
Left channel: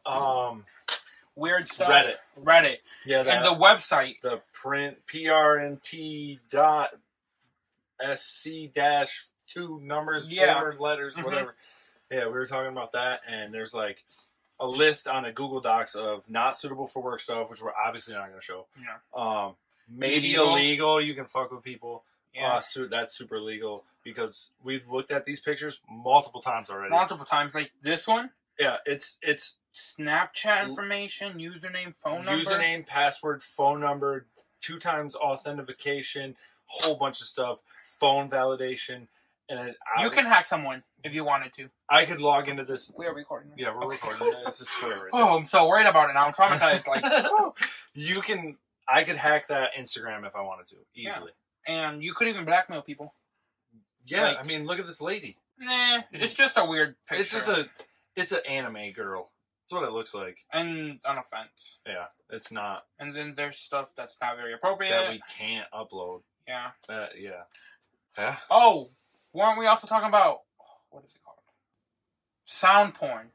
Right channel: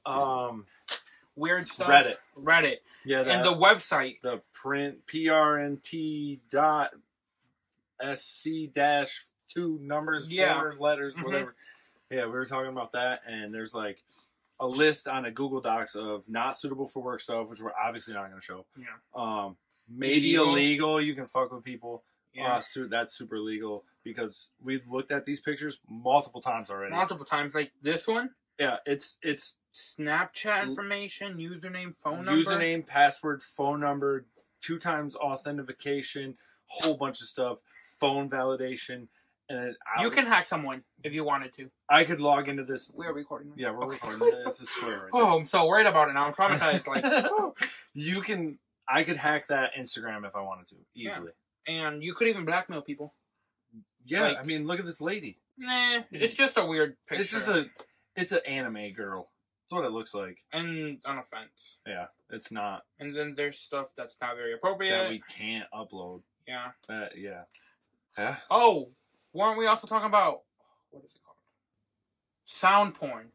weird stuff. Reddit. Yeah, and the website. The prnt.sc-2 numbers, 4 letters, whatever. Yeah, we were talking about that, and there's like a list on a Google Docs of not suitable for work stuff, which we're obviously not going to show. Yeah. Maybe illegal. You can fuck with people. Yeah. That's super illegal because we've looked at these pictures multiple times already. Multiple times, like this one. Yeah, it's Snapchat information, username, phone number. Username, password, phone number, 2 times authentication, whole bunch of stuff, phone validation, And you can hack someone if you wanted to. I could log into this. We are recording. Yeah, we're okay. recording. It's a square right Oh, I'm so worried about it now. I'm traumatized. Like, I could hack that Instagram if I wanted to easily. Yeah. And you could even blackmail people. Yeah, like, I mean, look at this lady. Nah, it's just a weird picture. It's an anime girl. That's what it looks like. And an offense. Yeah, it's not. And then there's stuff that's not very appropriate. That we can't upload. Yeah. Yeah. Yeah. Oh, weren't we also talking about, what is it called? Sound porn.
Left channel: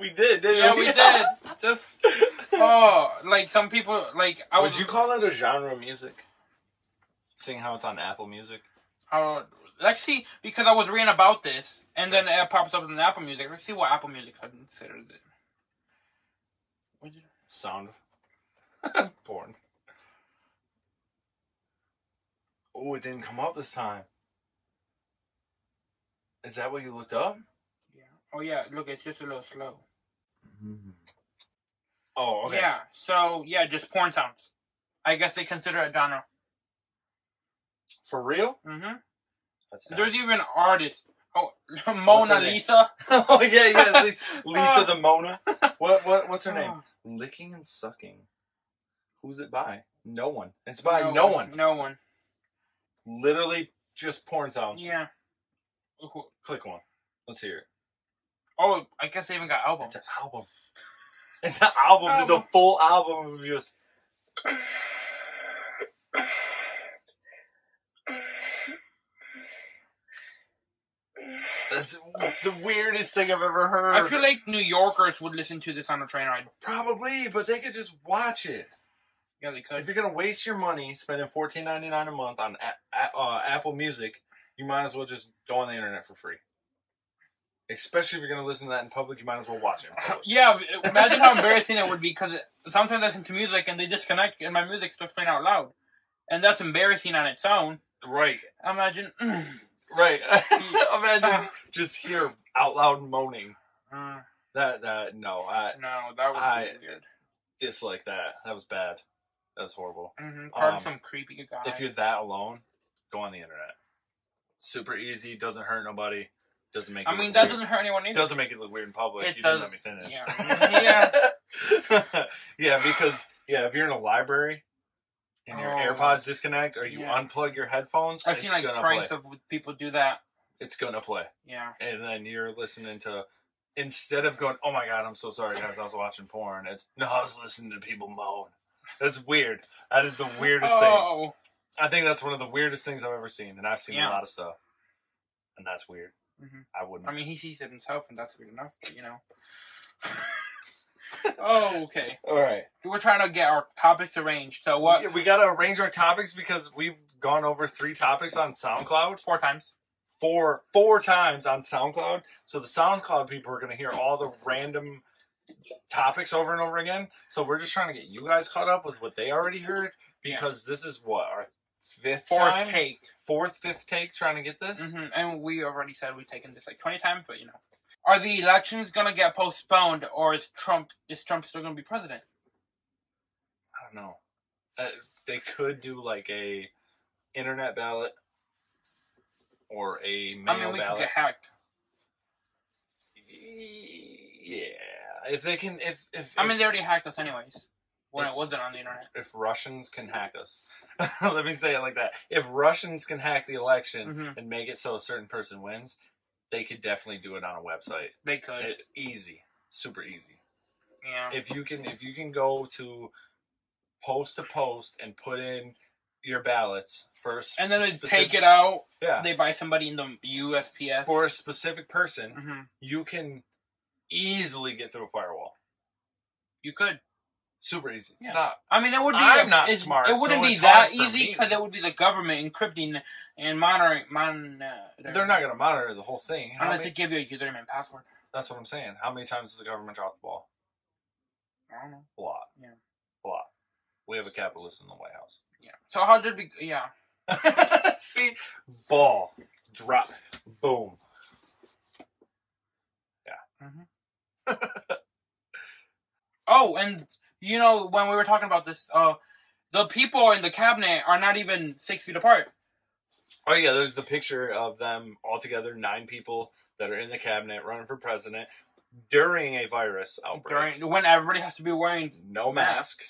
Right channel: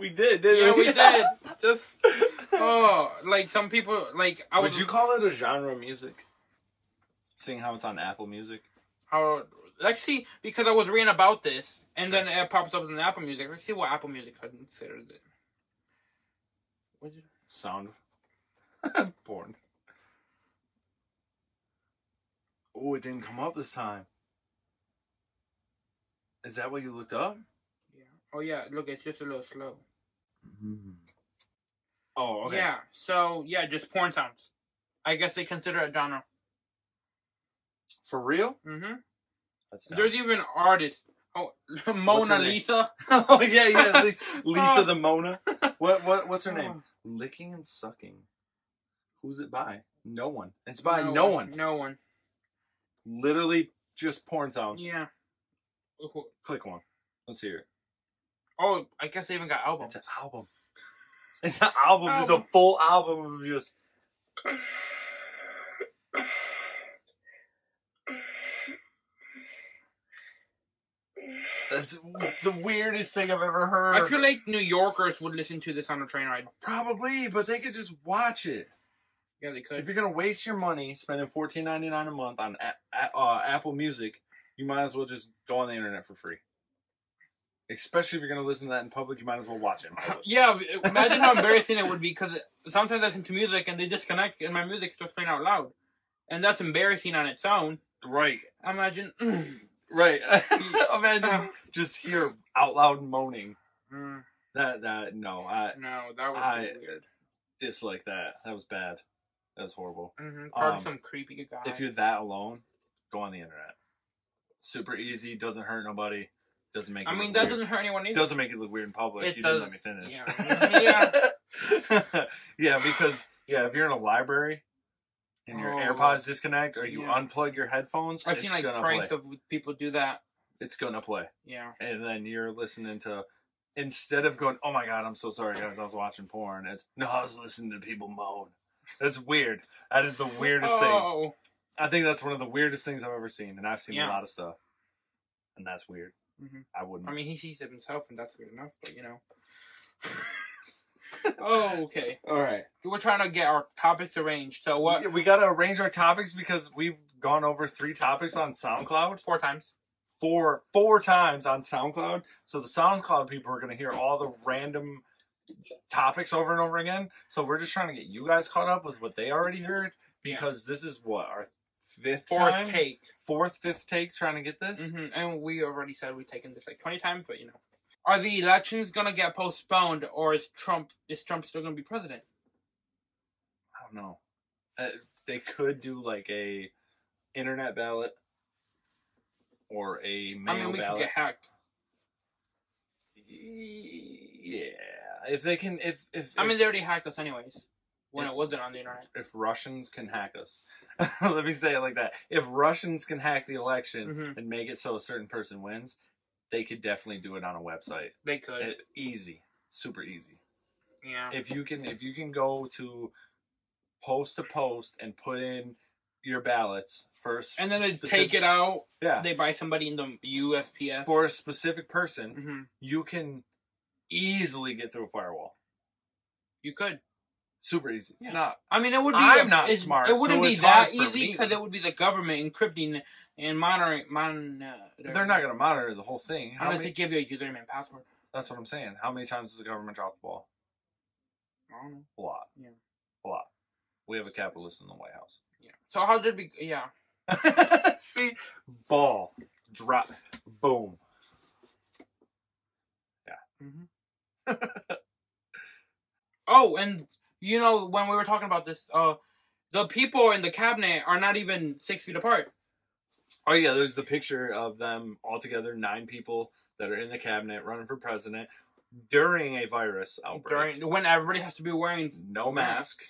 We did, didn't we? Yeah, we did. Just, like some people, like, Would you call it a genre of music? Seeing how it's on Apple Music? Let's see, because I was reading about this, and then it pops up in Apple Music. Let's see what Apple Music considers it. What did you... Sound porn. Oh, it didn't come up this time. Is that what you looked up? Yeah. Oh, yeah. Look, it's just a little slow. Mm-hmm. Oh, okay. Yeah. So, yeah, just porn sounds. I guess they consider it genre. For real? Mm-hmm. That's There's even artists. Oh, Mona Lisa. Oh, yeah. Lisa the Mona. What's her name? Licking and Sucking. Who's it by? No one. It's by no one. No one. Literally just porn sounds. Yeah. Click one. Let's hear it. Oh, I guess they even got albums. It's an album. It's an album. It's a full album of just... That's the weirdest thing I've ever heard. I feel like New Yorkers would listen to this on a train ride. Probably, but they could just watch it. Yeah, they could. If you're gonna waste your money spending $14.99 a month on Apple Music, you might as well just go on the internet for free. Especially if you're gonna listen to that in public, you might as well watch it in public. Yeah, imagine how embarrassing it would be, because sometimes I listen to music and they disconnect and my music starts playing out loud. And that's embarrassing on its own. Right. Imagine... Right. Imagine just hear out loud moaning. No, That was weird. Dislike that. That was bad. That was horrible. Mm-hmm. Part of some creepy guy. If you're that alone, go on the internet. Super easy. Doesn't hurt nobody. Doesn't make. That doesn't hurt anyone either. Doesn't make it look weird in public. You didn't let me finish. Yeah. Yeah, because if you're in a library. And your AirPods disconnect, or you unplug your headphones. I've seen like pranks of people do that. It's gonna play. Yeah. And then you're listening to, instead of going, "Oh my god, I'm so sorry, guys, I was watching porn." It's I was listening to people moan. That's weird. That is the weirdest thing. I think that's one of the weirdest things I've ever seen, and I've seen a lot of stuff, and that's weird. Mm-hmm. I wouldn't. I mean, he sees it himself, and that's weird enough. But Oh, okay. All right. We're trying to get our topics arranged. So what? We got to arrange our topics because we've gone over 3 topics on SoundCloud. 4 times. Four times on SoundCloud. So the SoundCloud people are going to hear all the random topics over and over again. So we're just trying to get you guys caught up with what they already heard because this is our 4th take, 5th take trying to get this. Mm-hmm. And we already said we've taken this like 20 times, but Are the elections gonna get postponed, or is Trump still gonna be president? I don't know. They could do like a internet ballot or a mail ballot. We could get hacked. Yeah, if they can, if they already hacked us anyways when it wasn't on the internet. If Russians can hack us, let me say it like that. If Russians can hack the election and make it so a certain person wins. They could definitely do it on a website. They could. Easy. Super easy. Yeah. If you can go to post to post and put in your ballots first. And then they take it out. Yeah. They buy somebody in the USPS. For a specific person, you can easily get through a firewall. You could. Super easy. It's Yeah. not. I mean, it would be. I'm not smart. It wouldn't be that easy because it would be the government encrypting and monitoring. They're not going to monitor the whole thing. Unless they give you a username and password. That's what I'm saying. How many times does the government drop the ball? I don't know. A lot. Yeah. A lot. We have a capitalist in the White House. Yeah. So how did we? Yeah. See, ball, drop, boom. Yeah. Mm-hmm. Oh, and. When we were talking about this, the people in the cabinet are not even 6 feet apart. Oh yeah, there's the picture of them all together, 9 people that are in the cabinet running for president during a virus outbreak. When everybody has to be wearing no mask,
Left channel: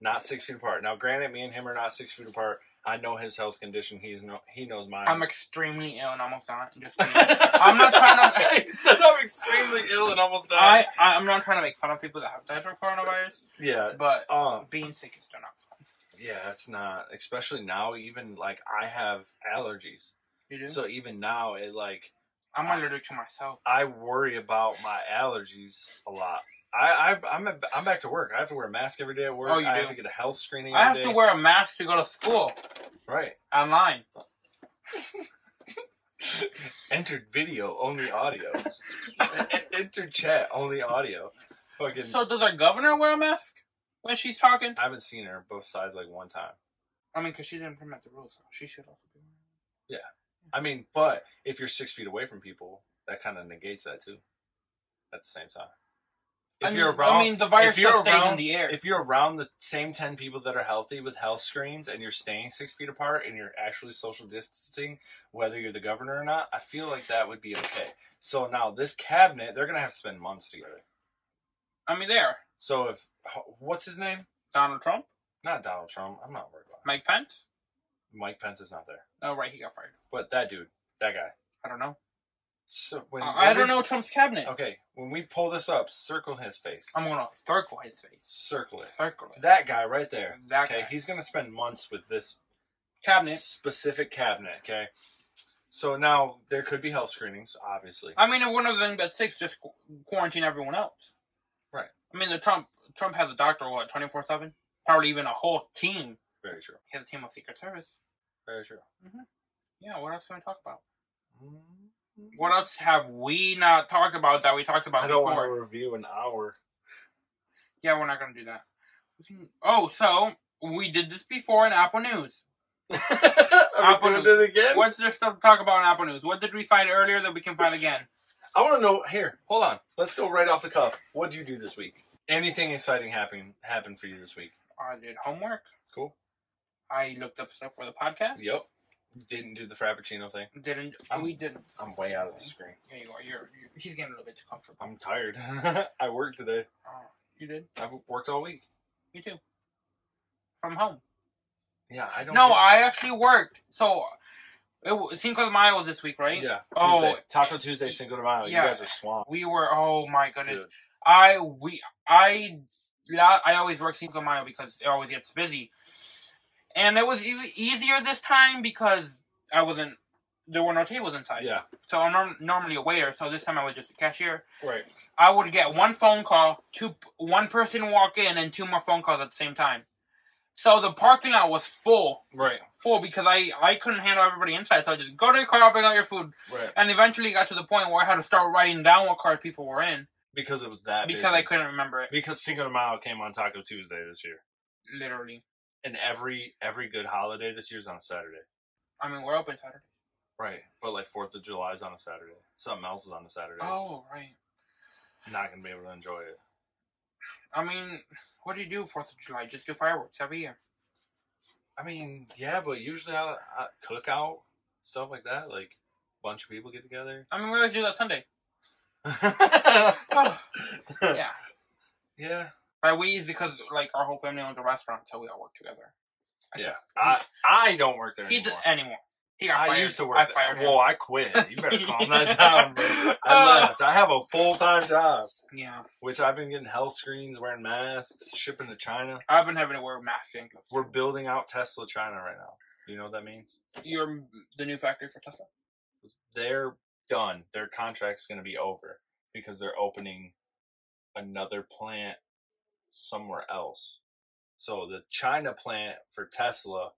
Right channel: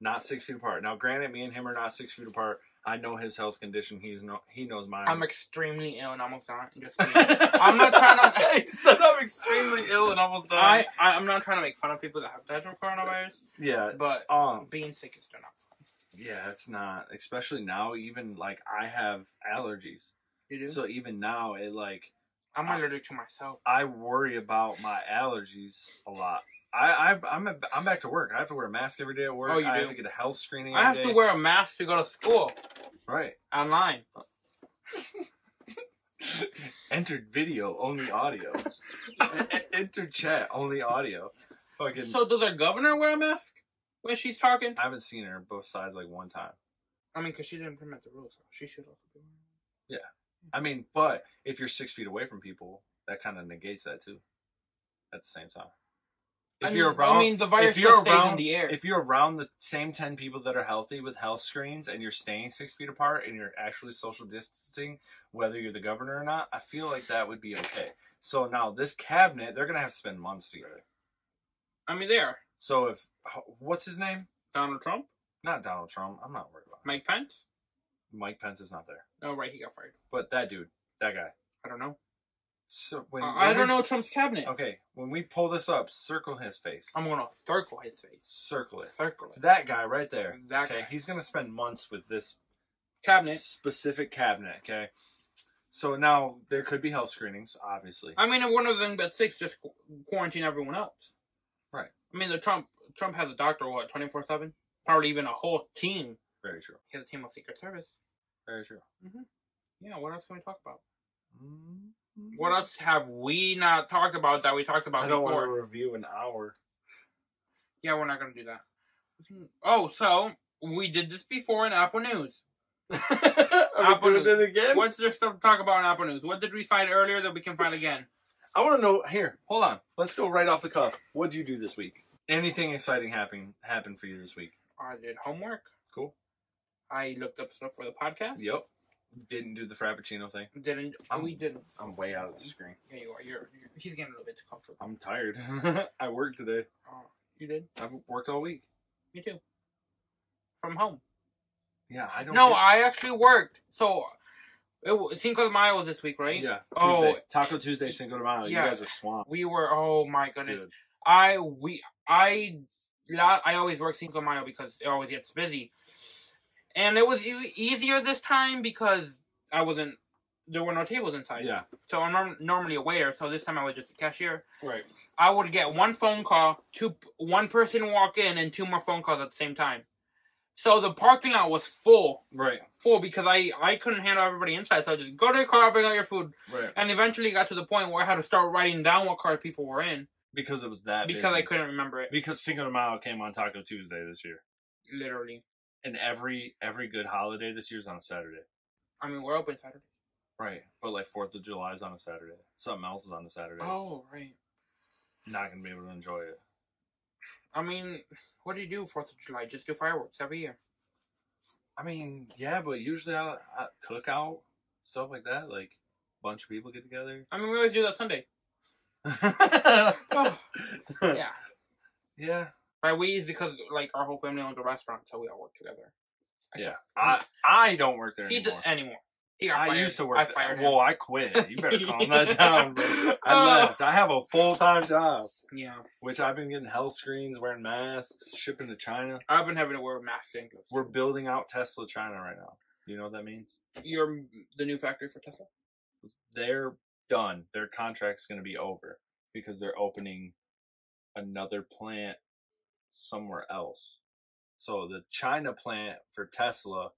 not 6 feet apart. Now, granted, me and him are not 6 feet apart. I know his health condition. He knows mine. I'm extremely ill and almost dying. Just kidding. I'm not trying to. He said I'm extremely ill and almost dying. I'm not trying to make fun of people that have died from coronavirus. Yeah, but being sick is still not fun. Yeah, it's not. Especially now, even like I have allergies. You do? So even now, I'm allergic to myself. I worry about my allergies a lot. I'm back to work. I have to wear a mask every day at work. Oh, you do? I have to get a health screening. I have to wear a mask to go to school. Right. Online. Entered video, only audio. Entered chat, only audio. Fucking. So does our governor wear a mask when she's talking? I haven't seen her besides like one time. I mean, because she didn't implement the rules, so she should also be wearing it. Yeah. I mean, but if you're 6 feet away from people, that kind of negates that too. At the same time. The virus still stays in the air. If you're around the same 10 people that are healthy with health screens and you're staying 6 feet apart and you're actually social distancing, whether you're the governor or not, I feel like that would be okay. So now this cabinet, they're going to have to spend months together. I mean, they are. So what's his name? Donald Trump? Not Donald Trump. I'm not worried about him. Mike Pence? Mike Pence is not there. Oh, right. He got fired. But that dude, that guy. I don't know. So I don't know Trump's cabinet. Okay, when we pull this up, circle his face. I'm going to circle his face. Circle it. Circle it. That guy right there. That guy. He's going to spend months with this cabinet. Specific cabinet, okay? So now there could be health screenings, obviously. I mean, one of the things but 6 just quarantine everyone else. Right. I mean, Trump has a doctor, 24/7? Probably even a whole team. Very true. He has a team of Secret Service. Very true. Mm-hmm. Yeah, what else can we talk about? Mm-hmm. What else have we not talked about that we talked about before? I don't want to review an hour. Yeah, we're not going to do that. So we did this before in Apple News. Are we doing it again? What's there stuff to talk about in Apple News? What did we find earlier that we can find again? I want to know. Here, hold on. Let's go right off the cuff. What did you do this week? Anything exciting happened for you this week? I did homework. Cool. I looked up stuff for the podcast. Yep. Didn't do the Frappuccino thing. We didn't. I'm way out of the screen. Yeah, you are. He's getting a little bit too comfortable. I'm tired. I worked today. You did? I've worked all week. Me too. From home. Yeah, I don't. No, I actually worked. So, Cinco de Mayo was this week, right? Yeah. Tuesday. Taco Tuesday, Cinco de Mayo. Yeah. You guys are swamped. We were. Oh my goodness. Dude. I always work Cinco de Mayo because it always gets busy. And it was easier this time because there were no tables inside. Yeah. So I'm normally a waiter, so this time I was just a cashier. Right. I would get one phone call, one person walk in, and 2 more phone calls at the same time. So the parking lot was full. Right. Full because I couldn't handle everybody inside, so I just go to the car, bring out your food. Right. And eventually it got to the point where I had to start writing down what car people were in. Because it was that Because busy. I couldn't remember it. Because Cinco de Mayo came on Taco Tuesday this year. Literally. And every good holiday this year's on a Saturday. I mean, we're open Saturday. Right. But like 4th of July is on a Saturday. Something else is on a Saturday. Oh, right. Not going to be able to enjoy it. I mean, what do you do 4th of July? Just do fireworks every year. I mean, yeah, but usually I cook out, stuff like that. Like, a bunch of people get together. I mean, we always do that Sunday. Oh, yeah. Yeah. By we is because, like, our whole family owns a restaurant, so we all work together. I don't work there anymore. He got fired. I used to work there. I fired him. Well, I quit. You better calm that down, bro. I left. I have a full-time job. Yeah. Which I've been getting health screens, wearing masks, shipping to China. I've been having to wear masks and gloves. We're building out Tesla China right now. You know what that means? You're the new factory for Tesla? They're done. Their contract's going to be over because they're opening another plant somewhere else. So the China plant for Tesla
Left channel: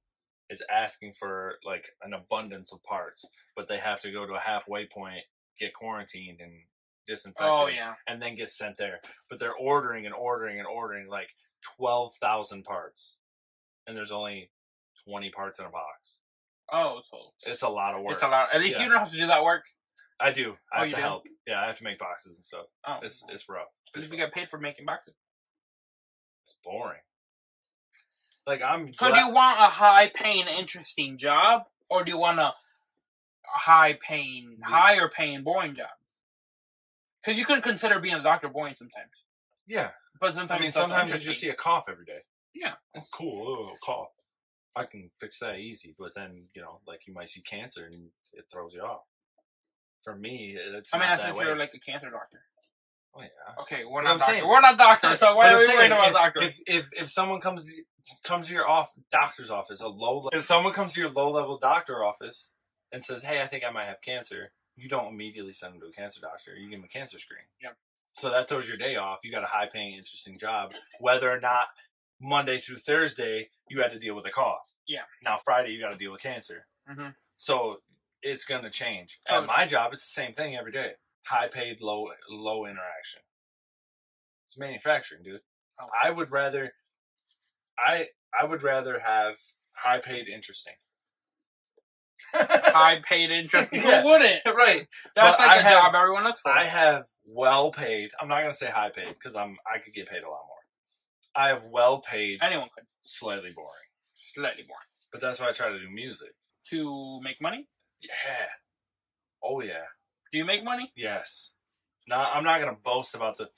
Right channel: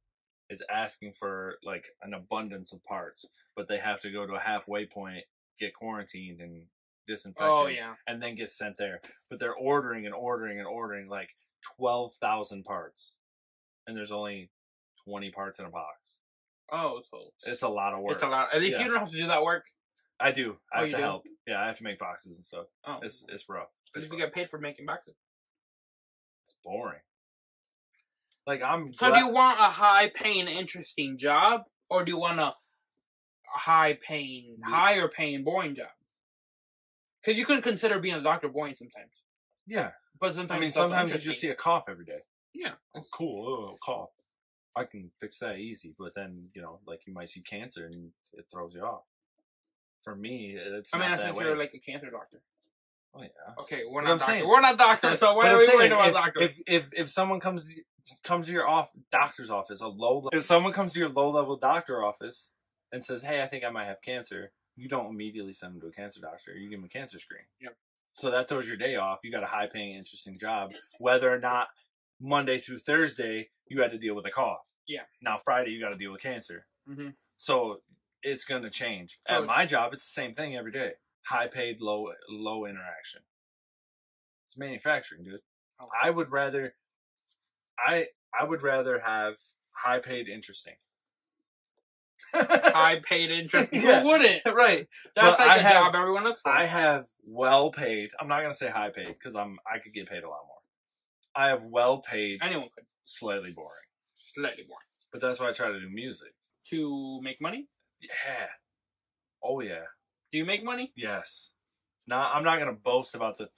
is asking for like an abundance of parts, but they have to go to a halfway point, get quarantined and disinfected, and then get sent there. But they're ordering like 12,000 parts, and there's only 20 parts in a box. Oh, so it's a lot of work. It's a lot. At least you don't have to do that work. I do. I have to help. Yeah, I have to make boxes and stuff. Oh, it's rough. At least we get paid for making boxes. It's boring. Like So do you want a high-paying, interesting job, Or do you want a higher paying, boring job? Because you can consider being a doctor boring sometimes. Yeah. But sometimes I mean, it's also sometimes you interesting. just see a cough every day. Yeah. Oh, cool. Oh, cough. I can fix that easy. But then, you know, like you might see cancer and it throws you off. For me, it's I mean, not that's that if way. you're like a cancer doctor. Oh, yeah. Okay, we're But not I'm doctors. saying- We're not doctors, so why But are I'm we saying, worried about doctors? If someone comes to your doctor's office, if someone comes to your low-level doctor office and says, "Hey, I think I might have cancer," you don't immediately send them to a cancer doctor. You give them a cancer screen. Yep. So that throws your day off. You got a high-paying, interesting job. Whether or not Monday through Thursday you had to deal with a cough. Yeah. Now Friday you got to deal with cancer. Mm-hmm. So it's going to change. Oh, At my job, it's the same thing every day. High-paid, low interaction. It's manufacturing, dude. Oh. I would rather have high paid interesting. High paid interesting. Yeah. Who wouldn't? Right. That's But like a job everyone looks for. I have well paid. I'm not gonna say high paid because I could get paid a lot more. I have well paid, Anyone could. slightly boring. Slightly boring. But that's why I try to do music. To make money? Yeah. Oh yeah. Do you make money? Yes. No, I'm not gonna boast about the.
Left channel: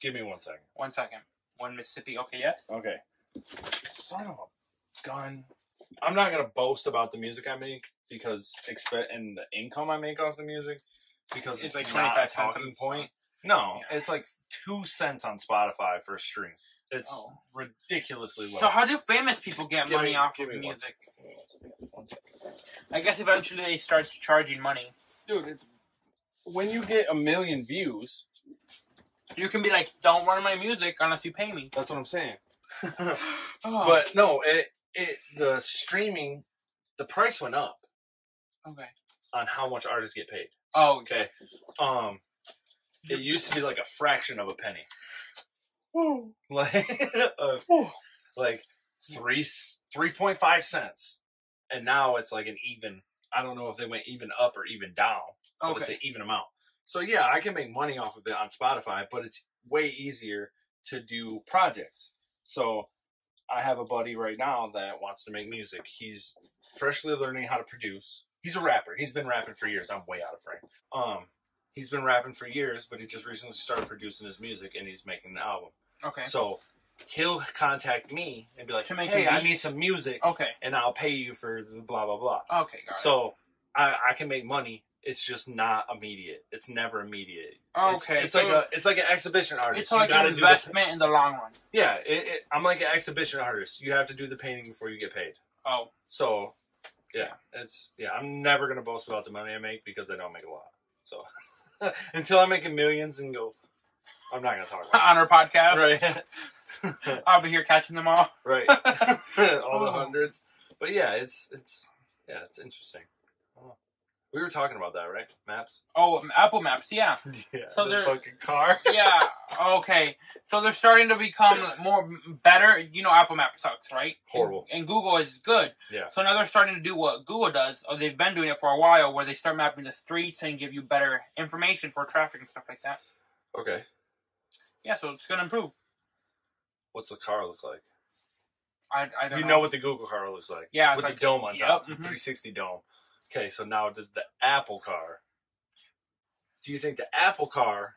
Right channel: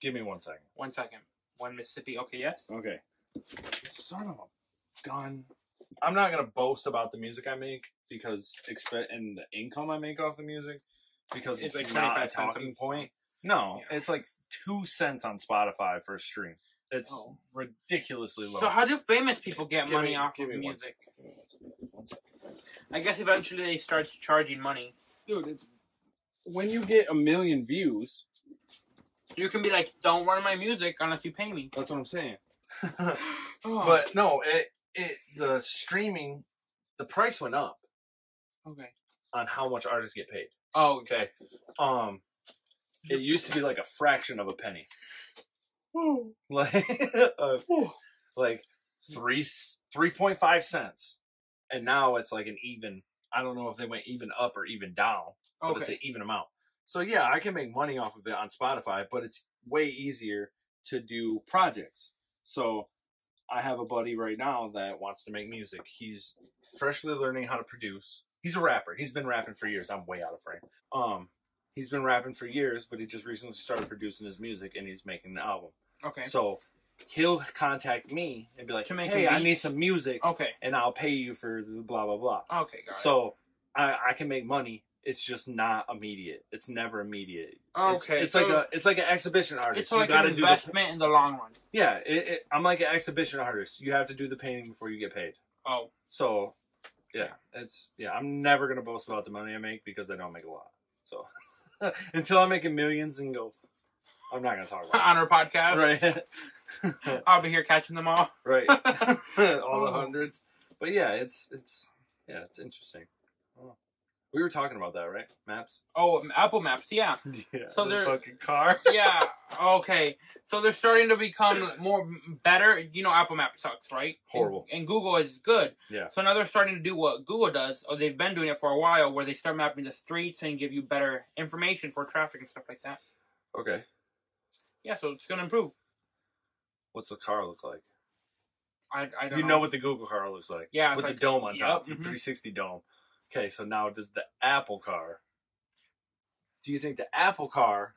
Give me 1 second. 1 second. One Mississippi. Okay, yes. Okay. Son of a gun. I'm not gonna boast about the music I make because and the income I make off the music because it's like not 25 a cents talking a point. No, Yeah. it's like 2 cents on Spotify for a stream. It's ridiculously low. So how do famous people get money off give of me music? 1 second. I guess eventually they start charging money. Dude, it's when you get 1 million views. You can be like, don't run my music unless you pay me. That's what I'm saying. Oh. But no, the streaming, the price went up Okay. on how much artists get paid. Oh, Okay. It used to be like a fraction of a penny. Like 3.5 cents. And now it's like an even, I don't know if they went even up or even down, but it's an even amount. So yeah, I can make money off of it on Spotify, but it's way easier to do projects. So I have a buddy right now that wants to make music. He's freshly learning how to produce. He's a rapper. He's been rapping for years. I'm way out of frame. He's been rapping for years, but he just recently started producing his music and he's making an album. Okay. So he'll contact me and be like, To make "Hey, some I need beats." some music, Okay. and I'll pay you for the blah blah blah." Okay, got it. So I can make money. It's just not immediate. It's never immediate. Okay, It's so like an exhibition artist. It's like You an gotta do investment in the long run. Yeah, I'm like an exhibition artist. You have to do the painting before you get paid. Oh. So, I'm never gonna boast about the money I make because I don't make a lot. So, until I'm making millions and go, I'm not gonna talk about On our podcast. Right. I'll be here catching them all. Right. All the Oh. hundreds. But yeah, it's interesting. Oh. We were talking about that, right? Maps. Oh, Apple Maps, yeah. Yeah. So the they're- fucking car. Yeah, okay. So they're starting to become better. You know, Apple Maps sucks, right? Horrible. And Google is good. Yeah. So now they're starting to do what Google does, or they've been doing it for a while, where they start mapping the streets and give you better information for traffic and stuff like that. Okay. Yeah, so it's going to improve. What's the car look like? I don't You know what the Google car looks like. Yeah, it's with like- the dome on top, the mhm. 360 dome. Okay, so now does the Apple car? Do you think the Apple car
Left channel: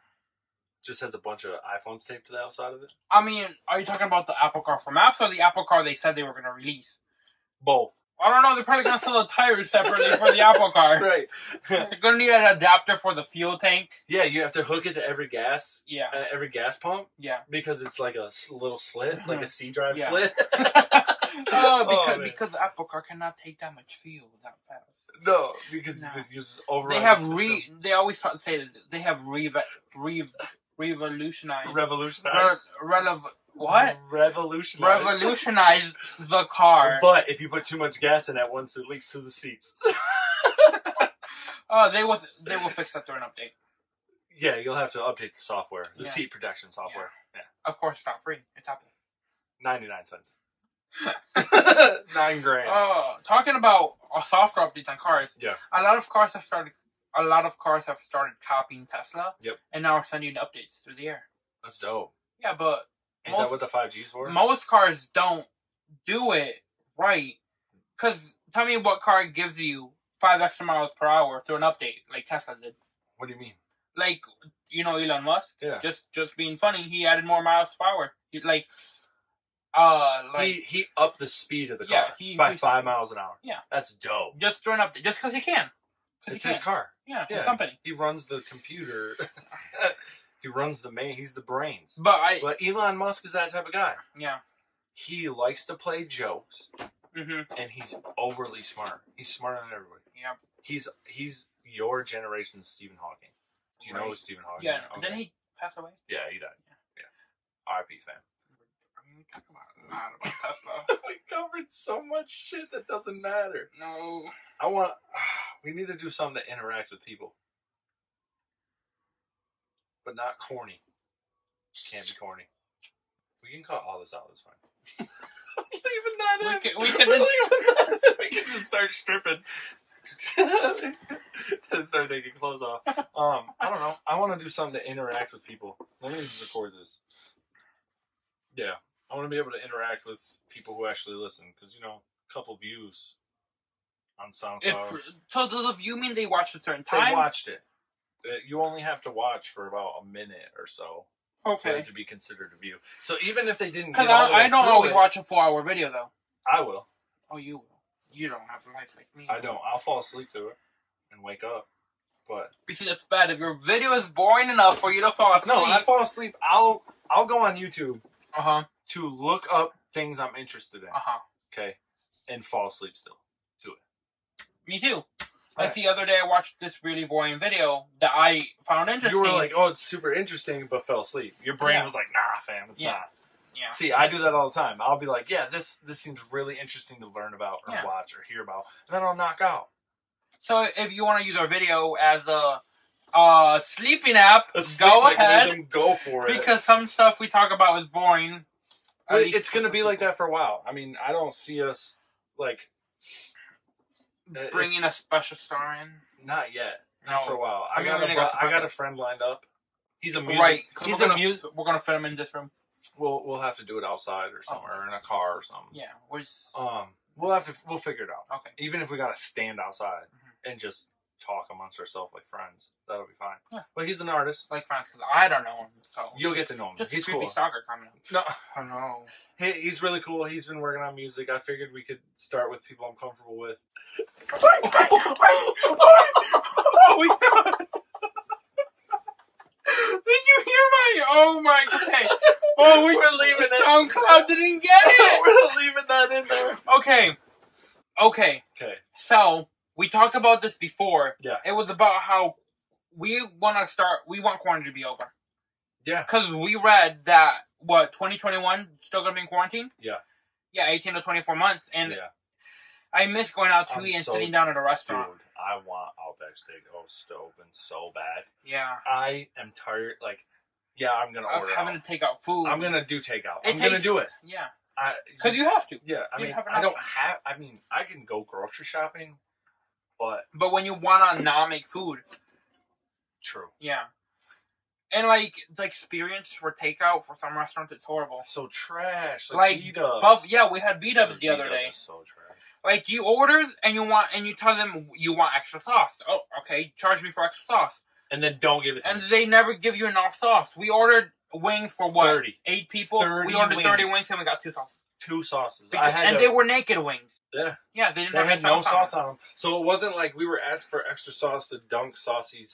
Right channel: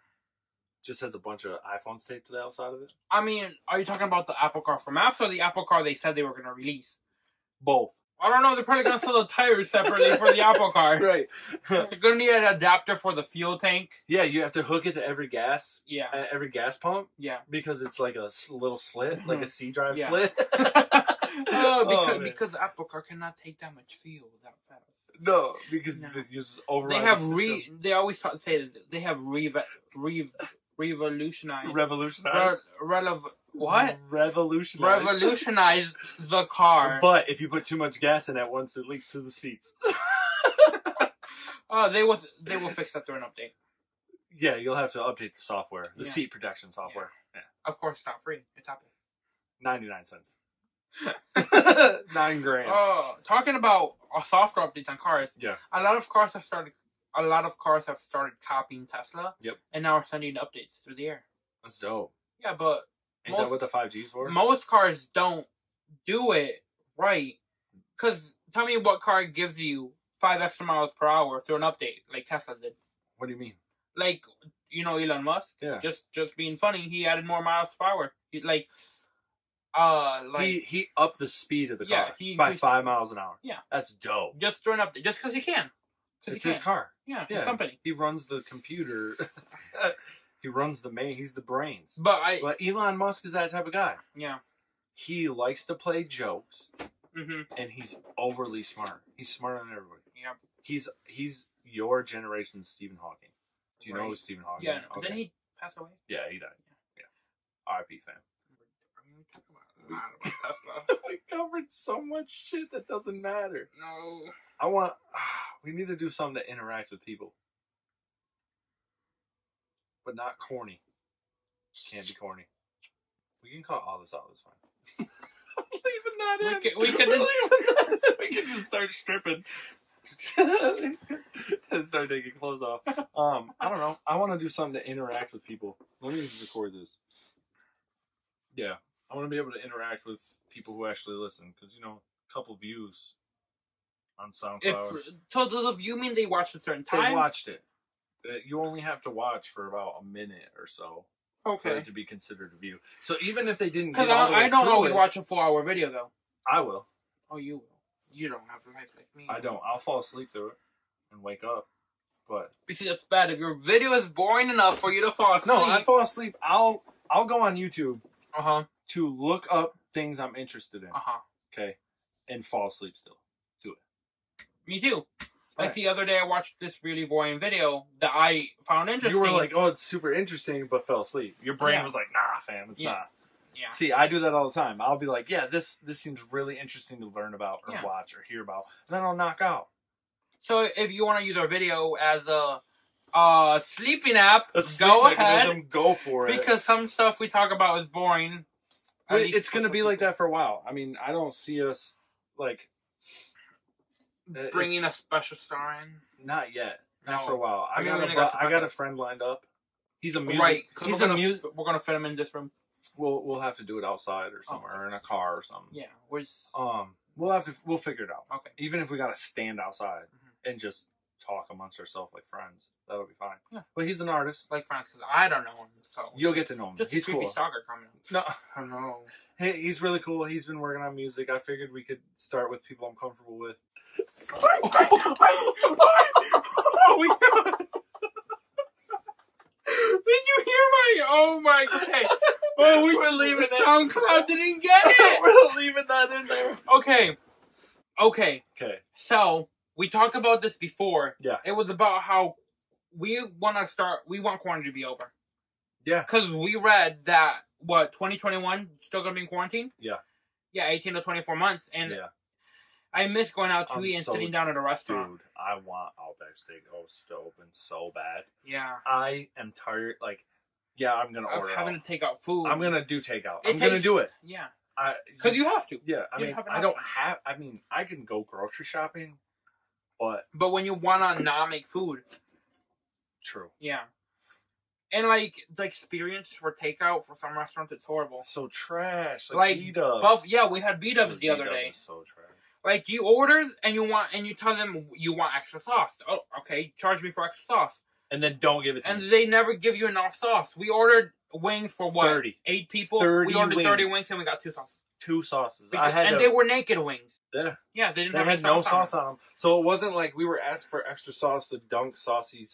just has a bunch of iPhones taped to the outside of it? I mean, are you talking about the Apple car for Maps or the Apple car they said they were going to release? Both. I don't know. They're probably going to sell the tires separately for the Apple car. Right. They're going to need an adapter for the fuel tank. Yeah, you have to hook it to every gas Yeah. pump Yeah. because it's like a little slit, like a C drive Yeah. slit. Oh, man. because the Apple car cannot take that much fuel that fast. No, because No. it uses override. They have the system. they always say that they have revolutionized revolutionized. what? Revolutionized. Revolutionized the car. But if you put too much gas in at once, it leaks to the seats. They will fix that through an update. Yeah, you'll have to update the software, the Yeah. seat protection software. Yeah. Of course, it's not free. It's Apple. 99 cents. $9,000. Oh, talking about software updates on cars. Yeah. A lot of cars have started copying Tesla. Yep. And now are sending updates through the air. That's dope. Yeah, but Ain't that what the 5G's for? most cars don't do it right. Because Tell me what car gives you 5 extra miles per hour through an update, like Tesla did. What do you mean? Like, you know, Elon Musk. Yeah. Just being funny, he added more miles per hour. He upped the speed of the car by 5 miles an hour. Yeah, that's dope. Just through an update, just because he can. It's his car. Yeah, his company. He runs the computer. He runs he's the brains. But Elon Musk is that type of guy. Yeah. He likes to play jokes. Mm-hmm. And he's overly smart. He's smarter than everybody. Yeah. He's your generation's Stephen Hawking. Do you know who Stephen Hawking is? Yeah. Okay. Didn't he pass away? Yeah, he died. Yeah. R.I.P. fam. I mean, we talk about Tesla. We covered so much shit that doesn't matter. No. We need to do something to interact with people. But not corny. Can't be corny. We can cut all this out. It's fine. I'm leaving that in. We can just start stripping. Start taking clothes off. I don't know. I want to do something to interact with people. Let me record this. Yeah. I want to be able to interact with people who actually listen. Because, a couple views on SoundCloud. So does the view mean they watched a certain time? They watched it. You only have to watch for about a minute or so. Okay. For it to be considered a view. So even if they didn't get all the way I don't always watch a 4-hour video, though. I will. Oh, you will. You don't have a life like me. I don't. I'll fall asleep through it and wake up. But you see, that's bad. If your video is boring enough for you to fall asleep. No, I fall asleep. I'll go on YouTube to look up things I'm interested in. Okay. And fall asleep still to it. Me too. Like the other day, I watched this really boring video that I found interesting. You were like, "Oh, it's super interesting," but fell asleep. Your brain was like, "Nah, fam, it's not." Yeah. See, I do that all the time. I'll be like, "Yeah, this seems really interesting to learn about or watch or hear about," and then I'll knock out. So, if you want to use our video as a sleeping app, go ahead. Go for it. Because some stuff we talk about is boring. It's going to be like that for a while. I mean, I don't see us like. Bringing a special star in? Not yet. Not for a while. I got a friend lined up. He's a music. We're gonna fit him in this room. We'll have to do it outside or somewhere, or in a car or something. Yeah. We'll figure it out. Okay. Even if we gotta stand outside and just talk amongst ourselves like friends, that'll be fine. Yeah. But he's an artist. Like friends, because I don't know him. So you'll get to know him. Just he's a creepy cool. stalker coming up. No. I know. He's really cool. He's been working on music. I figured we could start with people I'm comfortable with. Did you hear my? Oh my god! Oh, we're leaving it. SoundCloud didn't get it. We're leaving that in there. Okay. So we talked about this before. Yeah. It was about how we want quarantine to be over. Yeah. Because we read that 2021 still gonna be in quarantine. Yeah. Yeah, 18 to 24 months, and I miss going out to eat and sitting down at a restaurant. Dude, I want Outback Steakhouse to open so bad. Yeah. I am tired. Like, I'm gonna order having to take out food. I'm gonna do takeout. I'm gonna do it. Yeah. Because you have to. Yeah. I can go grocery shopping, but when you wanna not make food. True. Yeah. And, like, the experience for takeout for some restaurants, it's horrible. So trash. Like B-dubs. We had B-dubs the other day. Is so trash. Like, you order, and you tell them you want extra sauce. Oh, okay, charge me for extra sauce. And then don't give it to me. And they never give you enough sauce. We ordered wings for what? 30. 8 people? 30 we ordered wings. 30 wings, and we got 2 sauces. 2 sauces. They were naked wings. Yeah. Yeah, they had no sauce on them. So it wasn't like we were asking for extra sauce to dunk saucy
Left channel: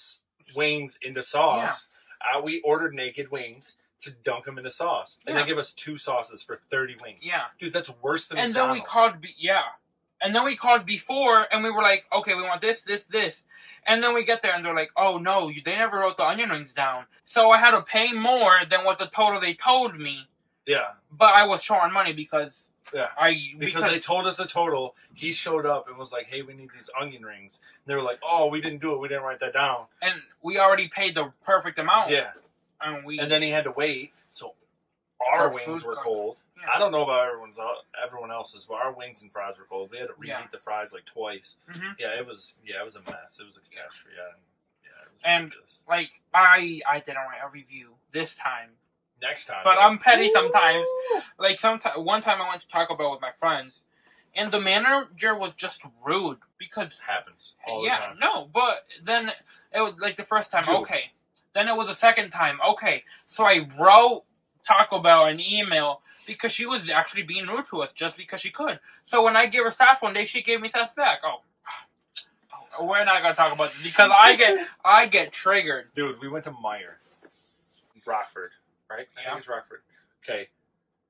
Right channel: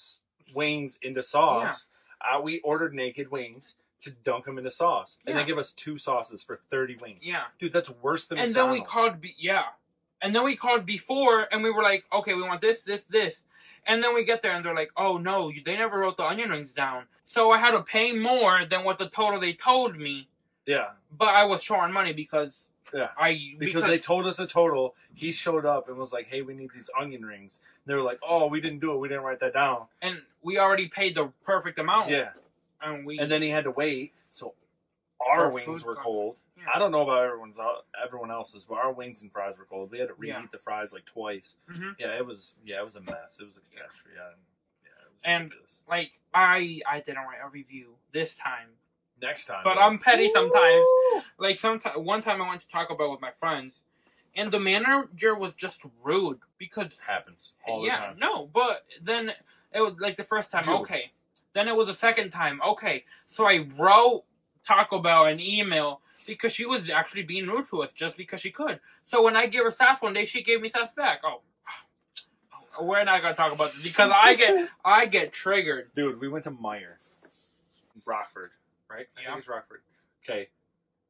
wings into sauce. Yeah. We ordered naked wings to dunk them into sauce. And they give us 2 sauces for 30 wings. Yeah. Dude, that's worse than McDonald's. And then we called before, and we were like, okay, we want this. And then we get there, and they're like, oh, no, they never wrote the onion rings down. So I had to pay more than what the total they told me. Yeah. But I was short on money because... Yeah. Because they told us a total. He showed up and was like, hey, we need these onion rings. And they were like, oh, we didn't do it. We didn't write that down. And we already paid the perfect amount. Yeah. And then he had to wait, so our wings were cold. Yeah. I don't know about everyone else's, but our wings and fries were cold. We had to reheat the fries like twice. Mm-hmm. Yeah, it was a mess. It was a catastrophe. Ridiculous. Like I didn't write a review this time. Next time. But I'm petty sometimes. Like one time I went to Taco Bell with my friends, And the manager was just rude because Happens all the time. no, but then it was like the first time, okay. Then it was the second time, okay. So I wrote Taco Bell an email because she was actually being rude to us just because she could. So when I gave her sass one day, she gave me sass back. Oh, we're not gonna talk about this because I get triggered. Dude, we went to Meyer, Rockford, right? I think it's Rockford. Okay,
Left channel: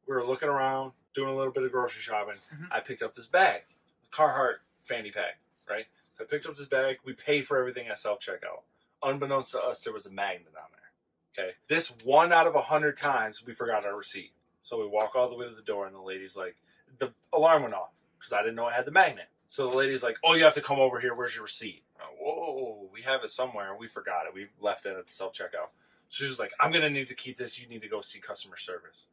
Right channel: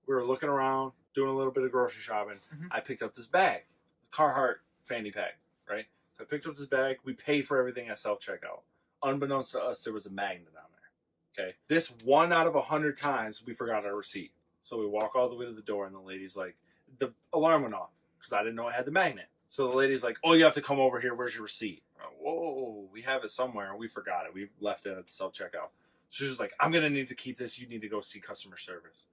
we were looking around, doing a little bit of grocery shopping. Mhm. I picked up this bag, Carhartt fanny pack, right? So I picked up this bag. We paid for everything at self-checkout. Unbeknownst to us, there was a magnet on there. Okay, this 1 out of 100 times we forgot our receipt. So we walk all the way to the door, and the lady's like, the alarm went off because I didn't know it had the magnet. So the lady's like, "Oh, you have to come over here. Where's your receipt?" Whoa, we have it somewhere. We forgot it. We left it at the self-checkout. So she's like, "I'm going to need to keep this. You need to go see customer service."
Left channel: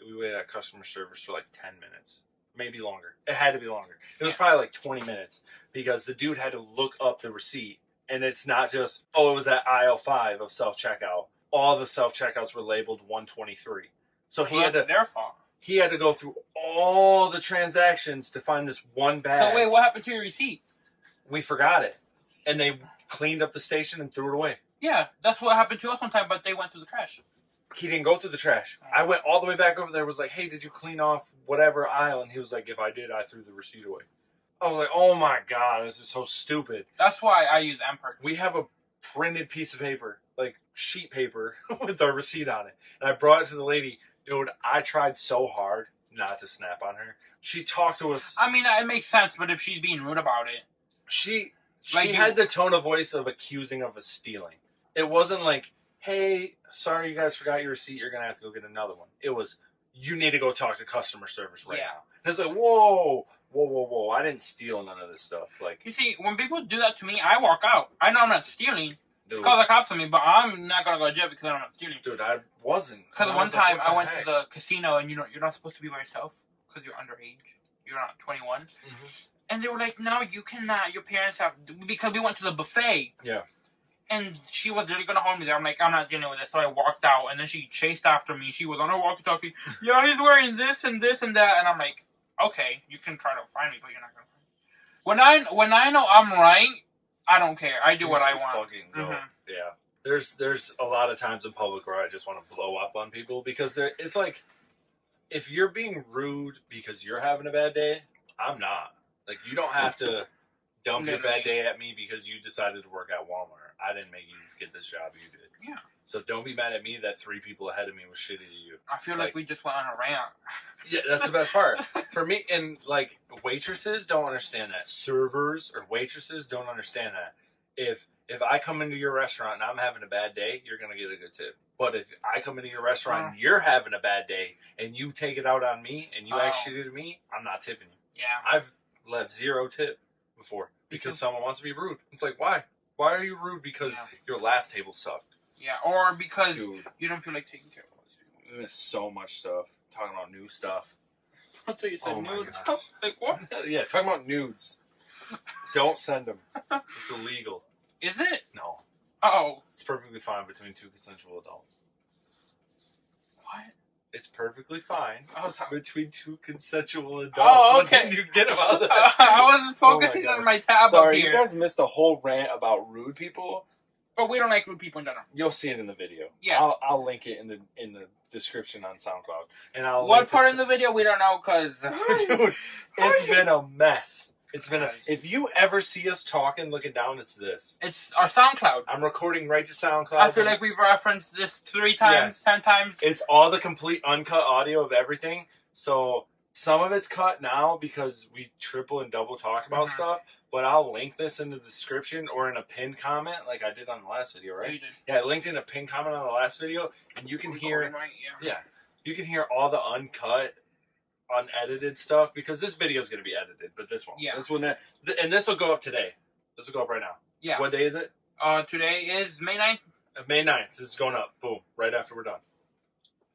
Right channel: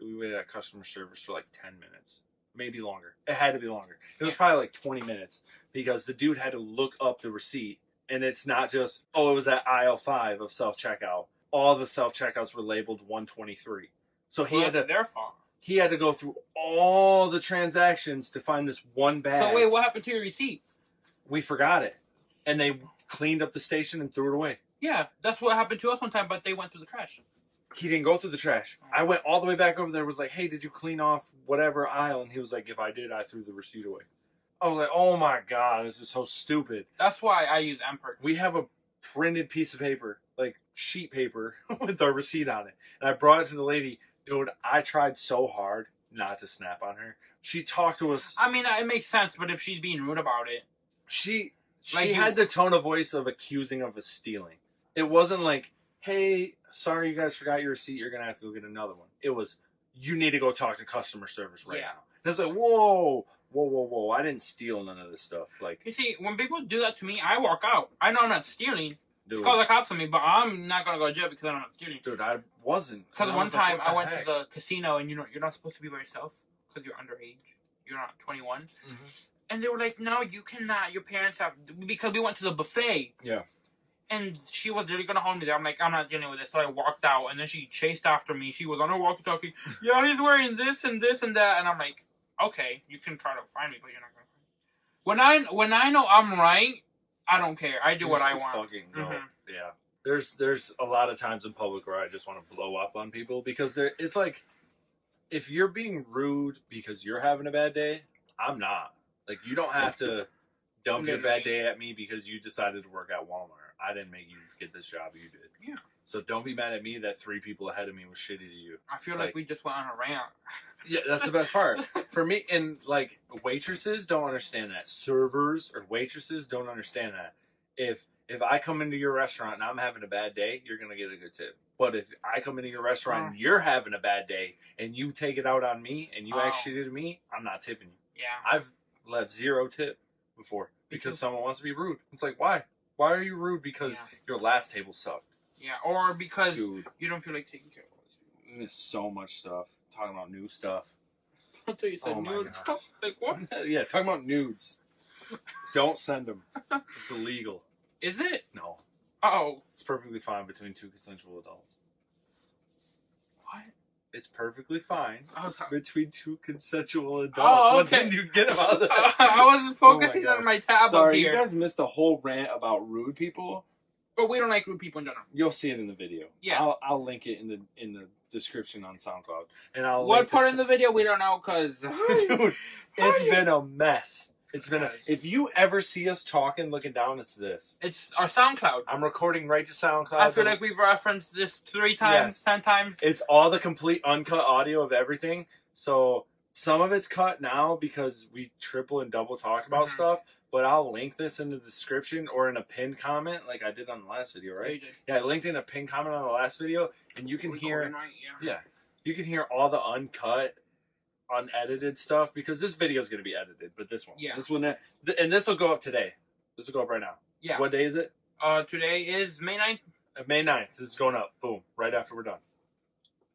We waited at customer service for like 10 minutes. Maybe longer. It had to be longer. It was probably like 20 minutes because the dude had to look up the receipt. And it's not just, oh, it was at aisle 5 of self-checkout. All the self-checkouts were labeled 123. So That's their fault. He had to go through all the transactions to find this one bag. So wait, what happened to your receipt? We forgot it. And they cleaned up the station and threw it away. Yeah, that's what happened to us one time, but they went through the trash. He didn't go through the trash. I went all the way back over there, was like, "Hey, did you clean off whatever aisle?" And he was like, "If I did, I threw the receipt away." I was like, "Oh my God, this is so stupid." That's why I use M-Perks. We have a printed piece of paper, like sheet paper, with our receipt on it. And I brought it to the lady. Dude, I tried so hard not to snap on her. She talked to us. I mean, it makes sense, but if she's being rude about it. She had the tone of voice of accusing of us stealing. It wasn't like, "Hey, sorry you guys forgot your receipt. You're going to have to go get another one." It was, "You need to go talk to customer service right now." And it's like, whoa. I didn't steal none of this stuff. Like, you see, when people do that to me, I walk out. I know I'm not stealing. Dude, it's called the cops on me, but I'm not going to go to jail because I'm not stealing. Dude, I wasn't. Because one time I went to the casino and you're not supposed to be by yourself because you're underage. You're not 21. Mm-hmm. And they were like, "No, you cannot. Your parents have..." Because we went to the buffet. Yeah. And she was literally going to hold me there. I'm like, "I'm not dealing with this." So I walked out, and then she chased after me. She was on her walkie-talkie. "Yeah, he's wearing this and this and that." And I'm like, "Okay, you can try to find me, but you're not going to find me." When I know I'm right, I don't care. I do what I want. Fucking go. Mm-hmm. Yeah. There's a lot of times in public where I just want to blow up on people because it's like, if you're being rude because you're having a bad day, I'm not. Like, you don't have to dump your bad day at me because you decided to work at Walmart. I didn't make you get this job, you did. Yeah. So don't be mad at me that 3 people ahead of me was shitty to you. I feel like we just went on a rant. Yeah, that's the best part. For me, and like, waitresses don't understand that. Servers or waitresses don't understand that. If I come into your restaurant and I'm having a bad day, you're going to get a good tip. But if I come into your restaurant and you're having a bad day and you take it out on me and you act shitty to me, I'm not tipping you. Yeah. I've left 0 tip before because someone wants to be rude. It's like, why? Why are you rude? Because your last table sucked. Yeah, or because you don't feel like taking care of us. We miss so much stuff. Talking about new stuff. I thought you said nudes. Like, what? Yeah, talking about nudes. Don't send them. It's illegal. Is it? No. Oh. It's perfectly fine between 2 consensual adults. What? It's perfectly fine between 2 consensual adults. Oh, okay. What did you get about that? I wasn't focusing on my tab Sorry, up here. You guys missed a whole rant about rude people. But we don't like rude people in general. You'll see it in the video. Yeah. I'll link it in the description on SoundCloud. And I'll what part in the video we don't know because dude, it's been a mess. It's been if you ever see us talking looking down, it's this. It's our SoundCloud. I'm recording right to SoundCloud. I feel like we've referenced this 3 times, 10 times. It's all the complete uncut audio of everything. So some of it's cut now because we triple and double talk about stuff. But I'll link this in the description or in a pinned comment like I did on the last video, right? Yeah, you did. Yeah, I linked in a pinned comment on the last video, and you can hear, you can hear all the uncut, unedited stuff because this video is going to be edited, but this one, this one, and this will go up today. This will go up right now. Yeah. What day is it? Today is May 9th. May 9th. This is going up. Boom. Right after we're done.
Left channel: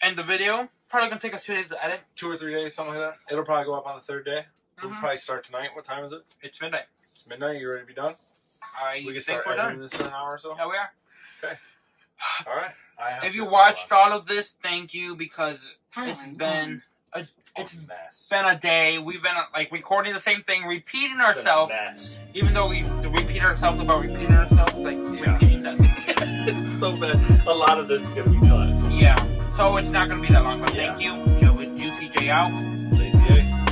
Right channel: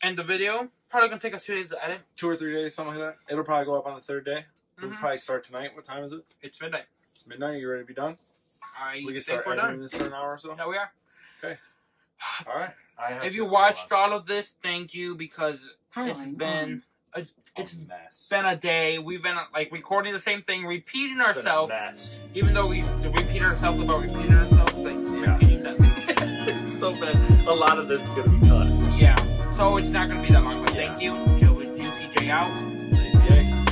And the video probably gonna take us 2 days to edit. 2 or 3 days, something like that. It'll probably go up on the 3rd day. We'll probably start tonight. What time is it? It's midnight. It's midnight. You ready to be done? We can start editing this in an hour or so? Yeah, we are. Okay. All right. If you watched all of this, thank you because it's been It's mess. been a day. We've been like recording the same thing, repeating It's ourselves. been a mess. Even though we repeat ourselves about repeating ourselves, like repeating that. It's so bad. A lot of this is gonna be cut. Yeah. So it's not gonna be that long, but thank you. Juicyjaye out. Lazyaye.